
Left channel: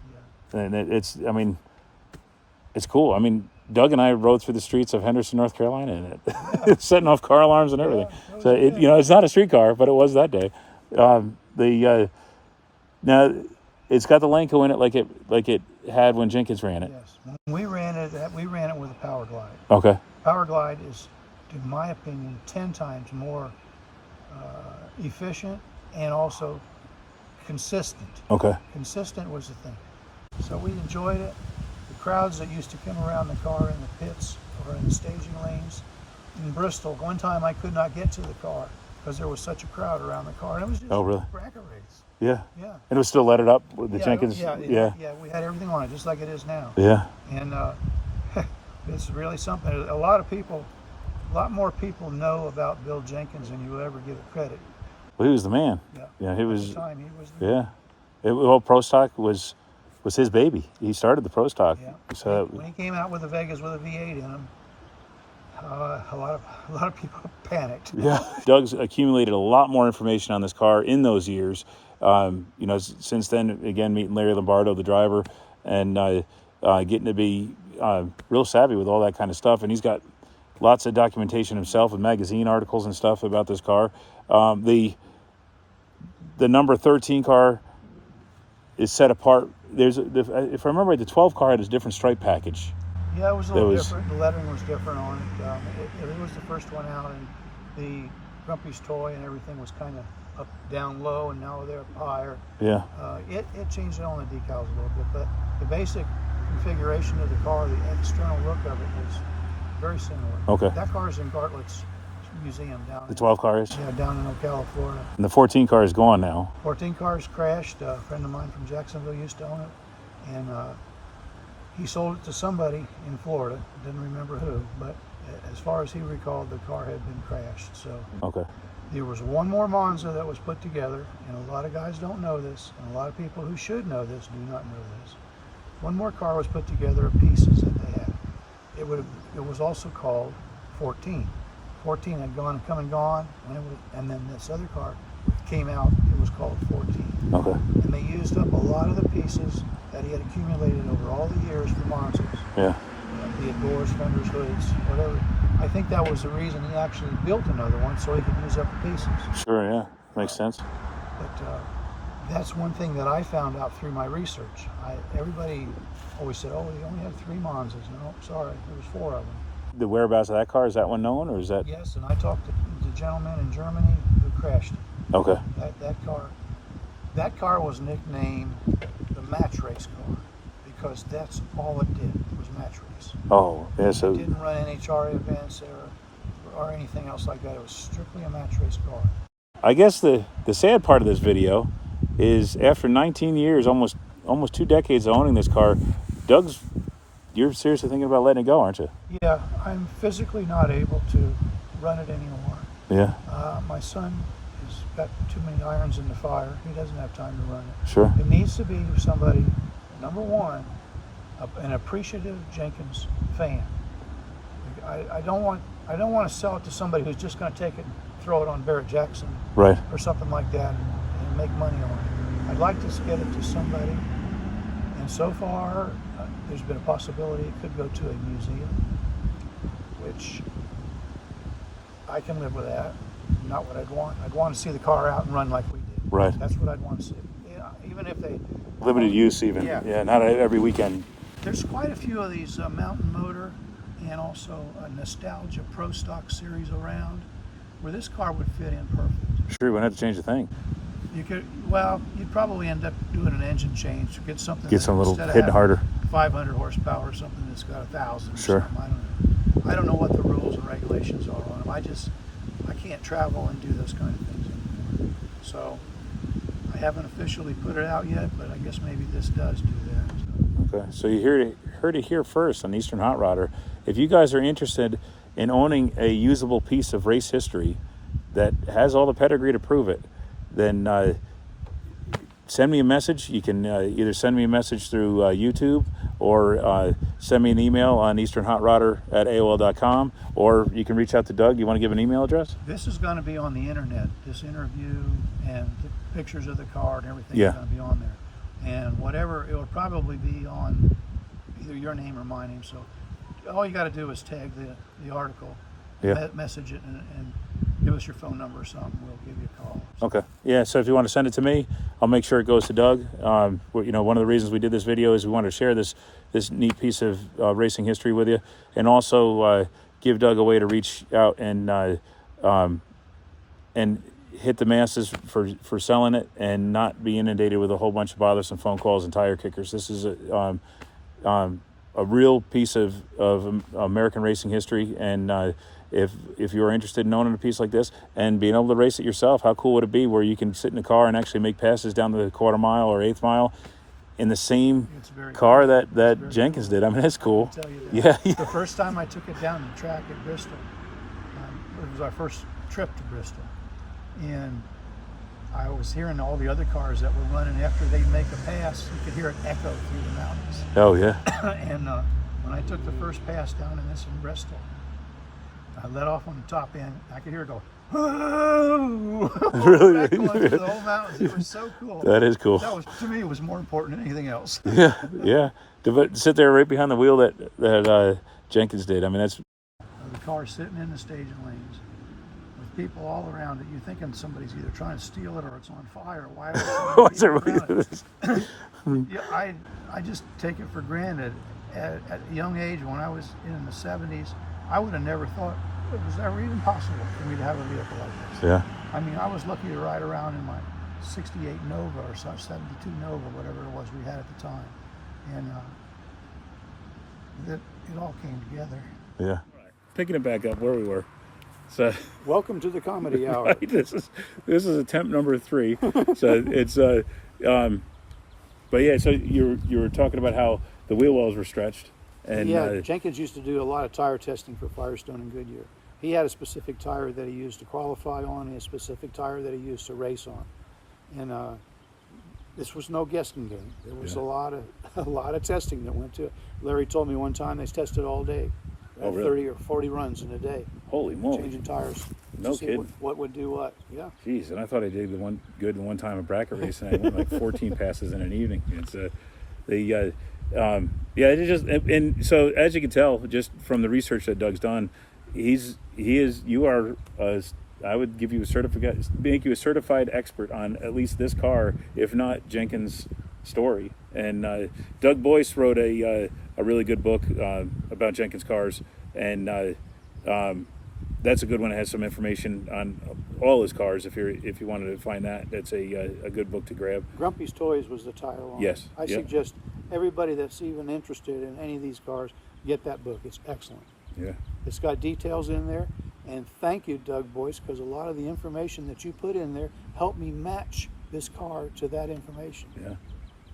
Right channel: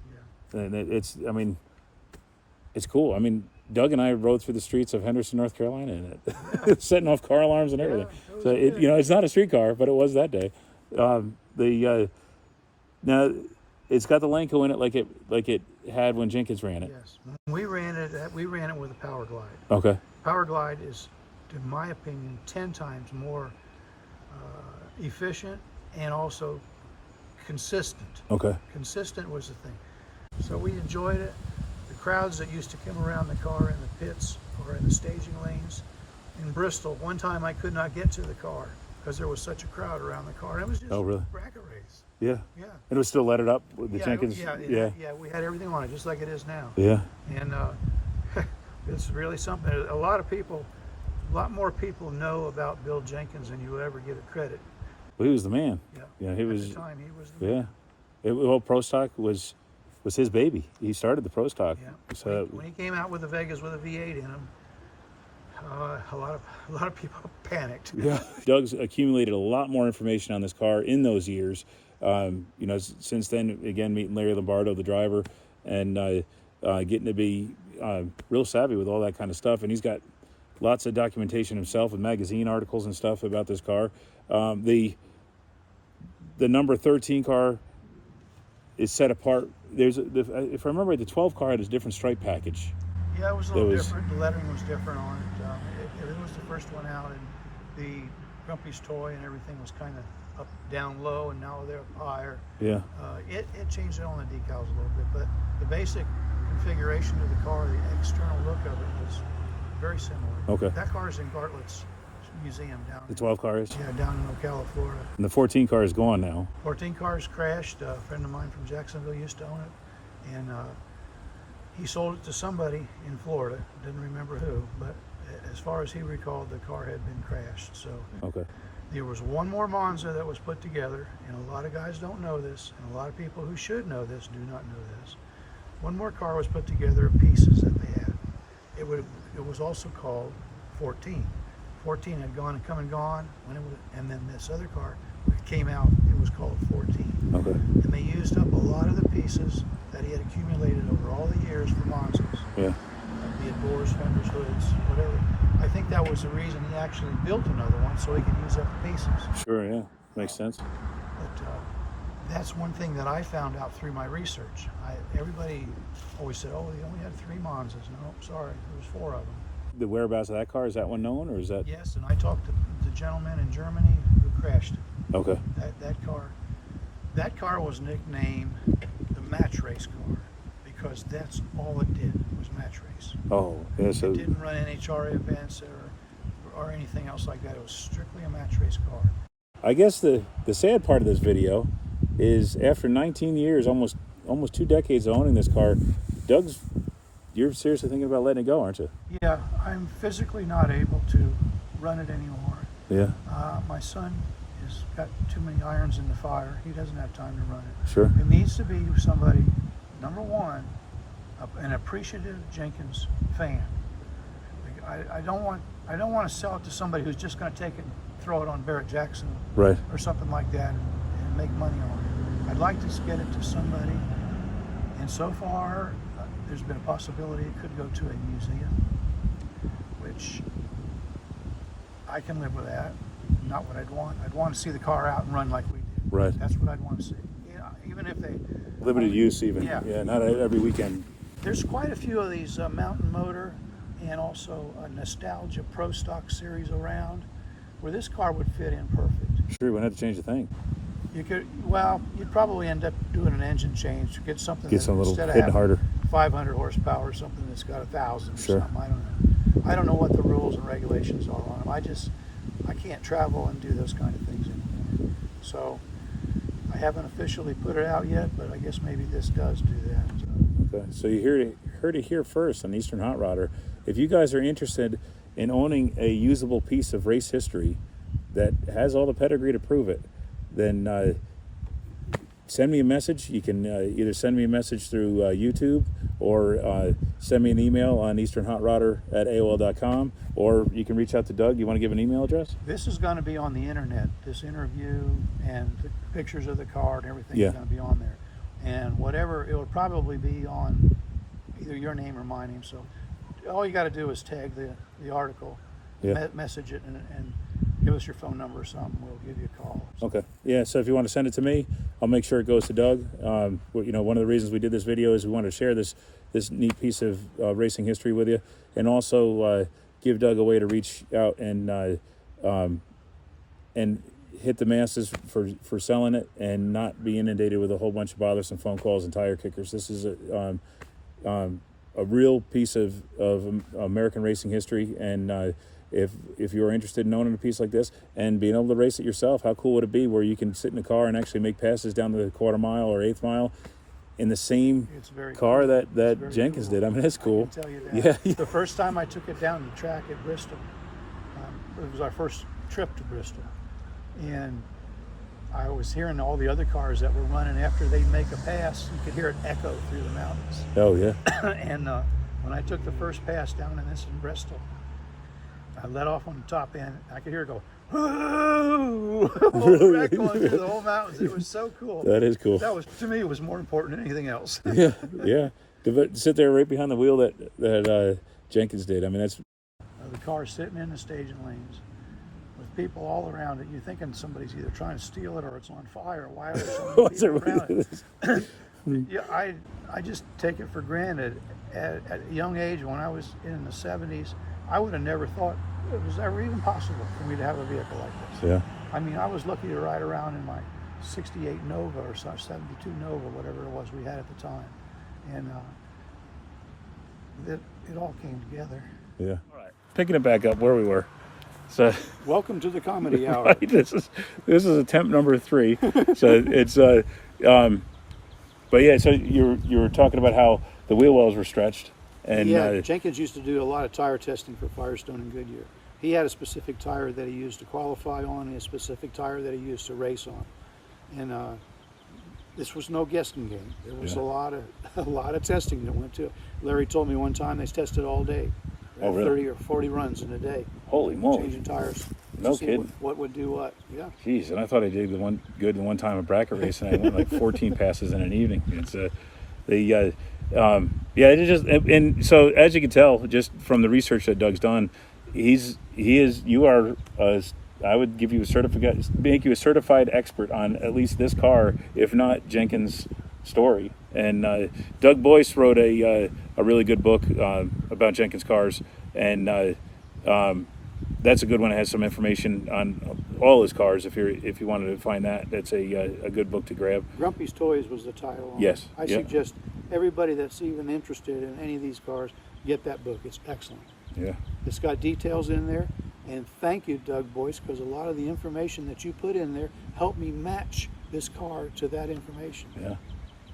And it's cool. I mean, Doug and I rode through the streets of Henderson, North Carolina in it, setting off car alarms and everything. Yeah, So it's not a street car, but it was that day. Now it's got the Lenco in it like it had when Jenkins ran it. Yes, when we ran it with a Power Glide. Okay. Power Glide is, in my opinion, 10 times more efficient and also consistent. Okay. Consistent was the thing. So we enjoyed it. The crowds that used to come around the car in the pits or in the staging lanes. In Bristol, one time I could not get to the car because there was such a crowd around the car. And it was just a bracket race. Yeah. Yeah. And it was still let it up with the Jenkins. Yeah, we had everything on it just like it is now. Yeah. And it's really something. A lot more people know about Bill Jenkins than you will ever give it credit. Well, he was the man. Yeah. He was. At the time, he was the man. Well, Pro Stock was his baby. He started the Pro Stock. Yeah. So when he came out with the Vegas with a V8 in him, a lot of people panicked. Yeah. Doug's accumulated a lot more information on this car in those years. Since then, again, meeting Larry Lombardo, the driver, and getting to be real savvy with all that kind of stuff. And he's got lots of documentation himself with magazine articles and stuff about this car. The number 13 car is set apart. If I remember right, the 12 car had a different stripe package. Yeah, it was a little different. The lettering was different on it. It was the first one out, and the Grumpy's toy and everything was kind of up, down low, and now they're up higher. Yeah. It changed on the decals a little bit, but the basic configuration of the car, the external look of it was very similar. Okay. That car is in Gartlett's museum down. The 12 car is? Yeah, down in Ocala, Florida. And the 14 car is gone now. 14 cars crashed. A friend of mine from Jacksonville used to own it, and he sold it to somebody in Florida. Didn't remember who, but as far as he recalled, the car had been crashed. So okay. There was one more Monza that was put together, and a lot of guys don't know this, and a lot of people who should know this do not know this. One more car was put together of pieces that they had. It was also called 14. 14 had gone and come and gone, and then this other car came out. It was called 14. Okay. And they used up a lot of the pieces that he had accumulated over all the years for Monsters. Yeah. Be it doors, fenders, hoods, whatever. I think that was the reason he actually built another one, so he could use up the pieces. Sure, yeah. Makes sense. But that's one thing that I found out through my research. Everybody always said, oh, they only have 3 Monzas. No, sorry, there was 4 of them. The whereabouts of that car, is that one known, or is that? Yes, and I talked to the gentleman in Germany who crashed it. Okay. That car was nicknamed the match race car because that's all it did was match race. Oh, yeah. So It didn't run NHRA events or anything else like that. It was strictly a match race car. I guess the sad part of this video is after 19 years, almost 2 decades of owning this car, you're seriously thinking about letting it go, aren't you? Yeah, I'm physically not able to run it anymore. Yeah. My son has got too many irons in the fire. He doesn't have time to run it. Sure. It needs to be somebody, number one, an appreciative Jenkins fan. I don't want to sell it to somebody who's just going to take it and throw it on Barrett Jackson, Right. or something like that, and make money on it. I'd like to get it to somebody, and so far there's been a possibility it could go to a museum, which I can live with that. Not what I'd want. I'd want to see the car out and run like we did. Right. That's what I'd want to see. Even if they Limited use, even. Yeah. Not every weekend. There's quite a few of these Mountain Motor and also a Nostalgia Pro Stock series around where this car would fit in perfect. Sure, we wouldn't have to change a thing. You'd probably end up doing an engine change to get something. Get some little instead of hitting having harder. 500 horsepower or something that's got 1,000. Sure. I don't know what the rules and regulations are on them. I can't travel and do those kind of things anymore. So I haven't officially put it out yet, but I guess maybe this does do that. Okay, so you heard it here first on Eastern Hot Rodder. If you guys are interested in owning a usable piece of race history that has all the pedigree to prove it, then send me a message. You can either send me a message through YouTube or send me an email on easternhotrodder@aol.com, or you can reach out to Doug. You want to give an email address? This is going to be on the internet. This interview and the pictures of the car and everything Yeah. is going to be on there. And whatever, it will probably be on either your name or my name. So all you got to do is tag the article, Yeah. message it, and give us your phone number or something. We'll give you a call. Okay. Yeah, so if you want to send it to me, I'll make sure it goes to Doug. One of the reasons we did this video is we wanted to share this neat piece of racing history with you, and also give Doug a way to reach out and hit the masses for selling it and not be inundated with a whole bunch of bothersome phone calls and tire kickers. This is a real piece of American racing history, and if you're interested in owning a piece like this and being able to race it yourself, how cool would it be where you can sit in a car and actually make passes down the quarter mile or eighth mile in the same car cool. that Jenkins did? I mean, that's cool. I can tell you that. Yeah. The first time I took it down the track at Bristol, it was our first trip to Bristol, and I was hearing all the other cars that were running after they'd make a pass. You could hear it echo through the mountains. Oh, yeah. And when I took the first pass down in this in Bristol, I let off on the top end. I could hear it go, whoa! Really? Back going through the whole mountains. It was so cool. That is cool. That was, to me, it was more important than anything else. Yeah, yeah. To sit there right behind the wheel that Jenkins did. I mean, that's... The car sitting in the staging lanes with people all around it. You're thinking somebody's either trying to steal it or it's on fire. Why What's are it? Yeah, I just take it for granted. At a young age, when I was in the 70s, I would have never thought it was ever even possible for me to have a vehicle like this. Yeah. I mean, I was lucky to ride around in my 68 Nova or 72 Nova, whatever it was we had at the time. And it all came together. Yeah. Picking it back up where we were. So Welcome to the comedy hour. this is attempt number 3. So it's but yeah. So you were talking about how the wheel wells were stretched, and Yeah, Jenkins used to do a lot of tire testing for Firestone and Goodyear. He had a specific tire that he used to qualify on and a specific tire that he used to race on. And this was no guessing game. There was a lot of testing that went to it. Larry told me one time they tested all day. Oh, really? 30 or 40 runs in a day, Holy moly! changing tires. No to see kidding. what would do what. Yeah. Jeez, and I thought I did the one time a bracket race, and I went like 14 passes in an evening. It's yeah, it just, and so as you can tell just from the research that Doug's done, you are I would give you a certificate, make you a certified expert on at least this car, if not Jenkins' story. And Doug Boyce wrote a really good book about Jenkins cars, and that's a good one. It has some information on all his cars. If you wanted to find that, that's a good book to grab. Grumpy's Toys was the title on Yes. it. I suggest everybody that's even interested in any of these cars get that book. It's excellent. Yeah. It's got details in there. And thank you, Doug Boyce, because a lot of the information that you put in there helped me match this car to that information. Yeah.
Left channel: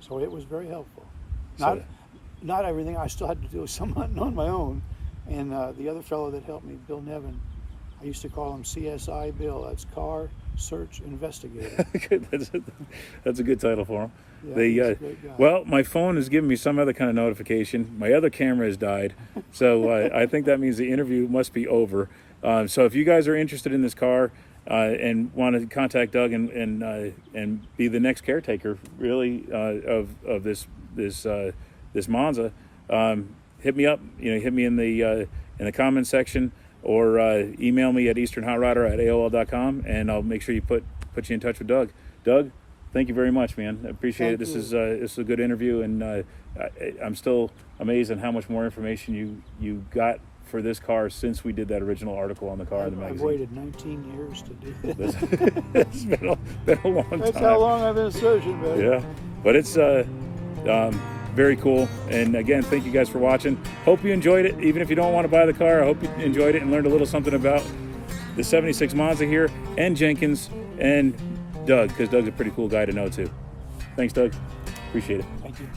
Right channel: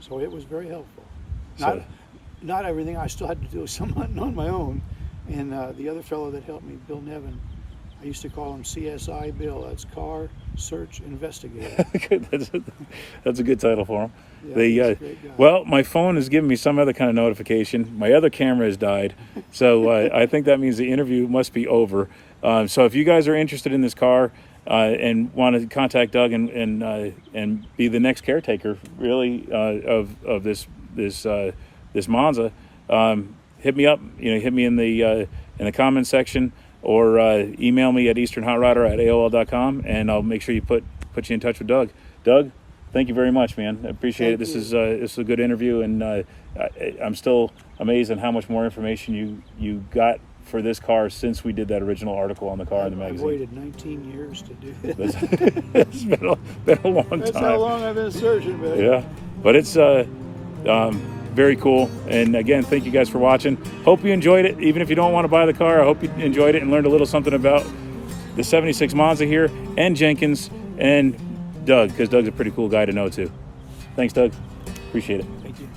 So it was very helpful. So, Not everything. I still had to do some on my own. And the other fellow that helped me, Bill Nevin, I used to call him CSI Bill. That's Car Search Investigator. that's a good title for him. Yeah, he's a great guy. Well, my phone is giving me some other kind of notification. My other camera has died, so I think that means the interview must be over. So if you guys are interested in this car and want to contact Doug and be the next caretaker, really, of this Monza, hit me up. Hit me in the comments section, or email me at easternhotrider@aol.com, and I'll make sure you put you in touch with Doug. Doug, thank you very much, man. I appreciate it. This is a good interview, and I'm still amazed at how much more information you got for this car since we did that original article on the car in the magazine. I've waited 19 years to do this. It's been a long time. That's how long I've been searching, man. Yeah, but it's very cool. And again, thank you guys for watching. Hope you enjoyed it. Even if you don't want to buy the car, I hope you enjoyed it and learned a little something about the 76 Monza here, and Jenkins, and Doug, because Doug's a pretty cool guy to know too. Thanks, Doug. Appreciate it. Thank you.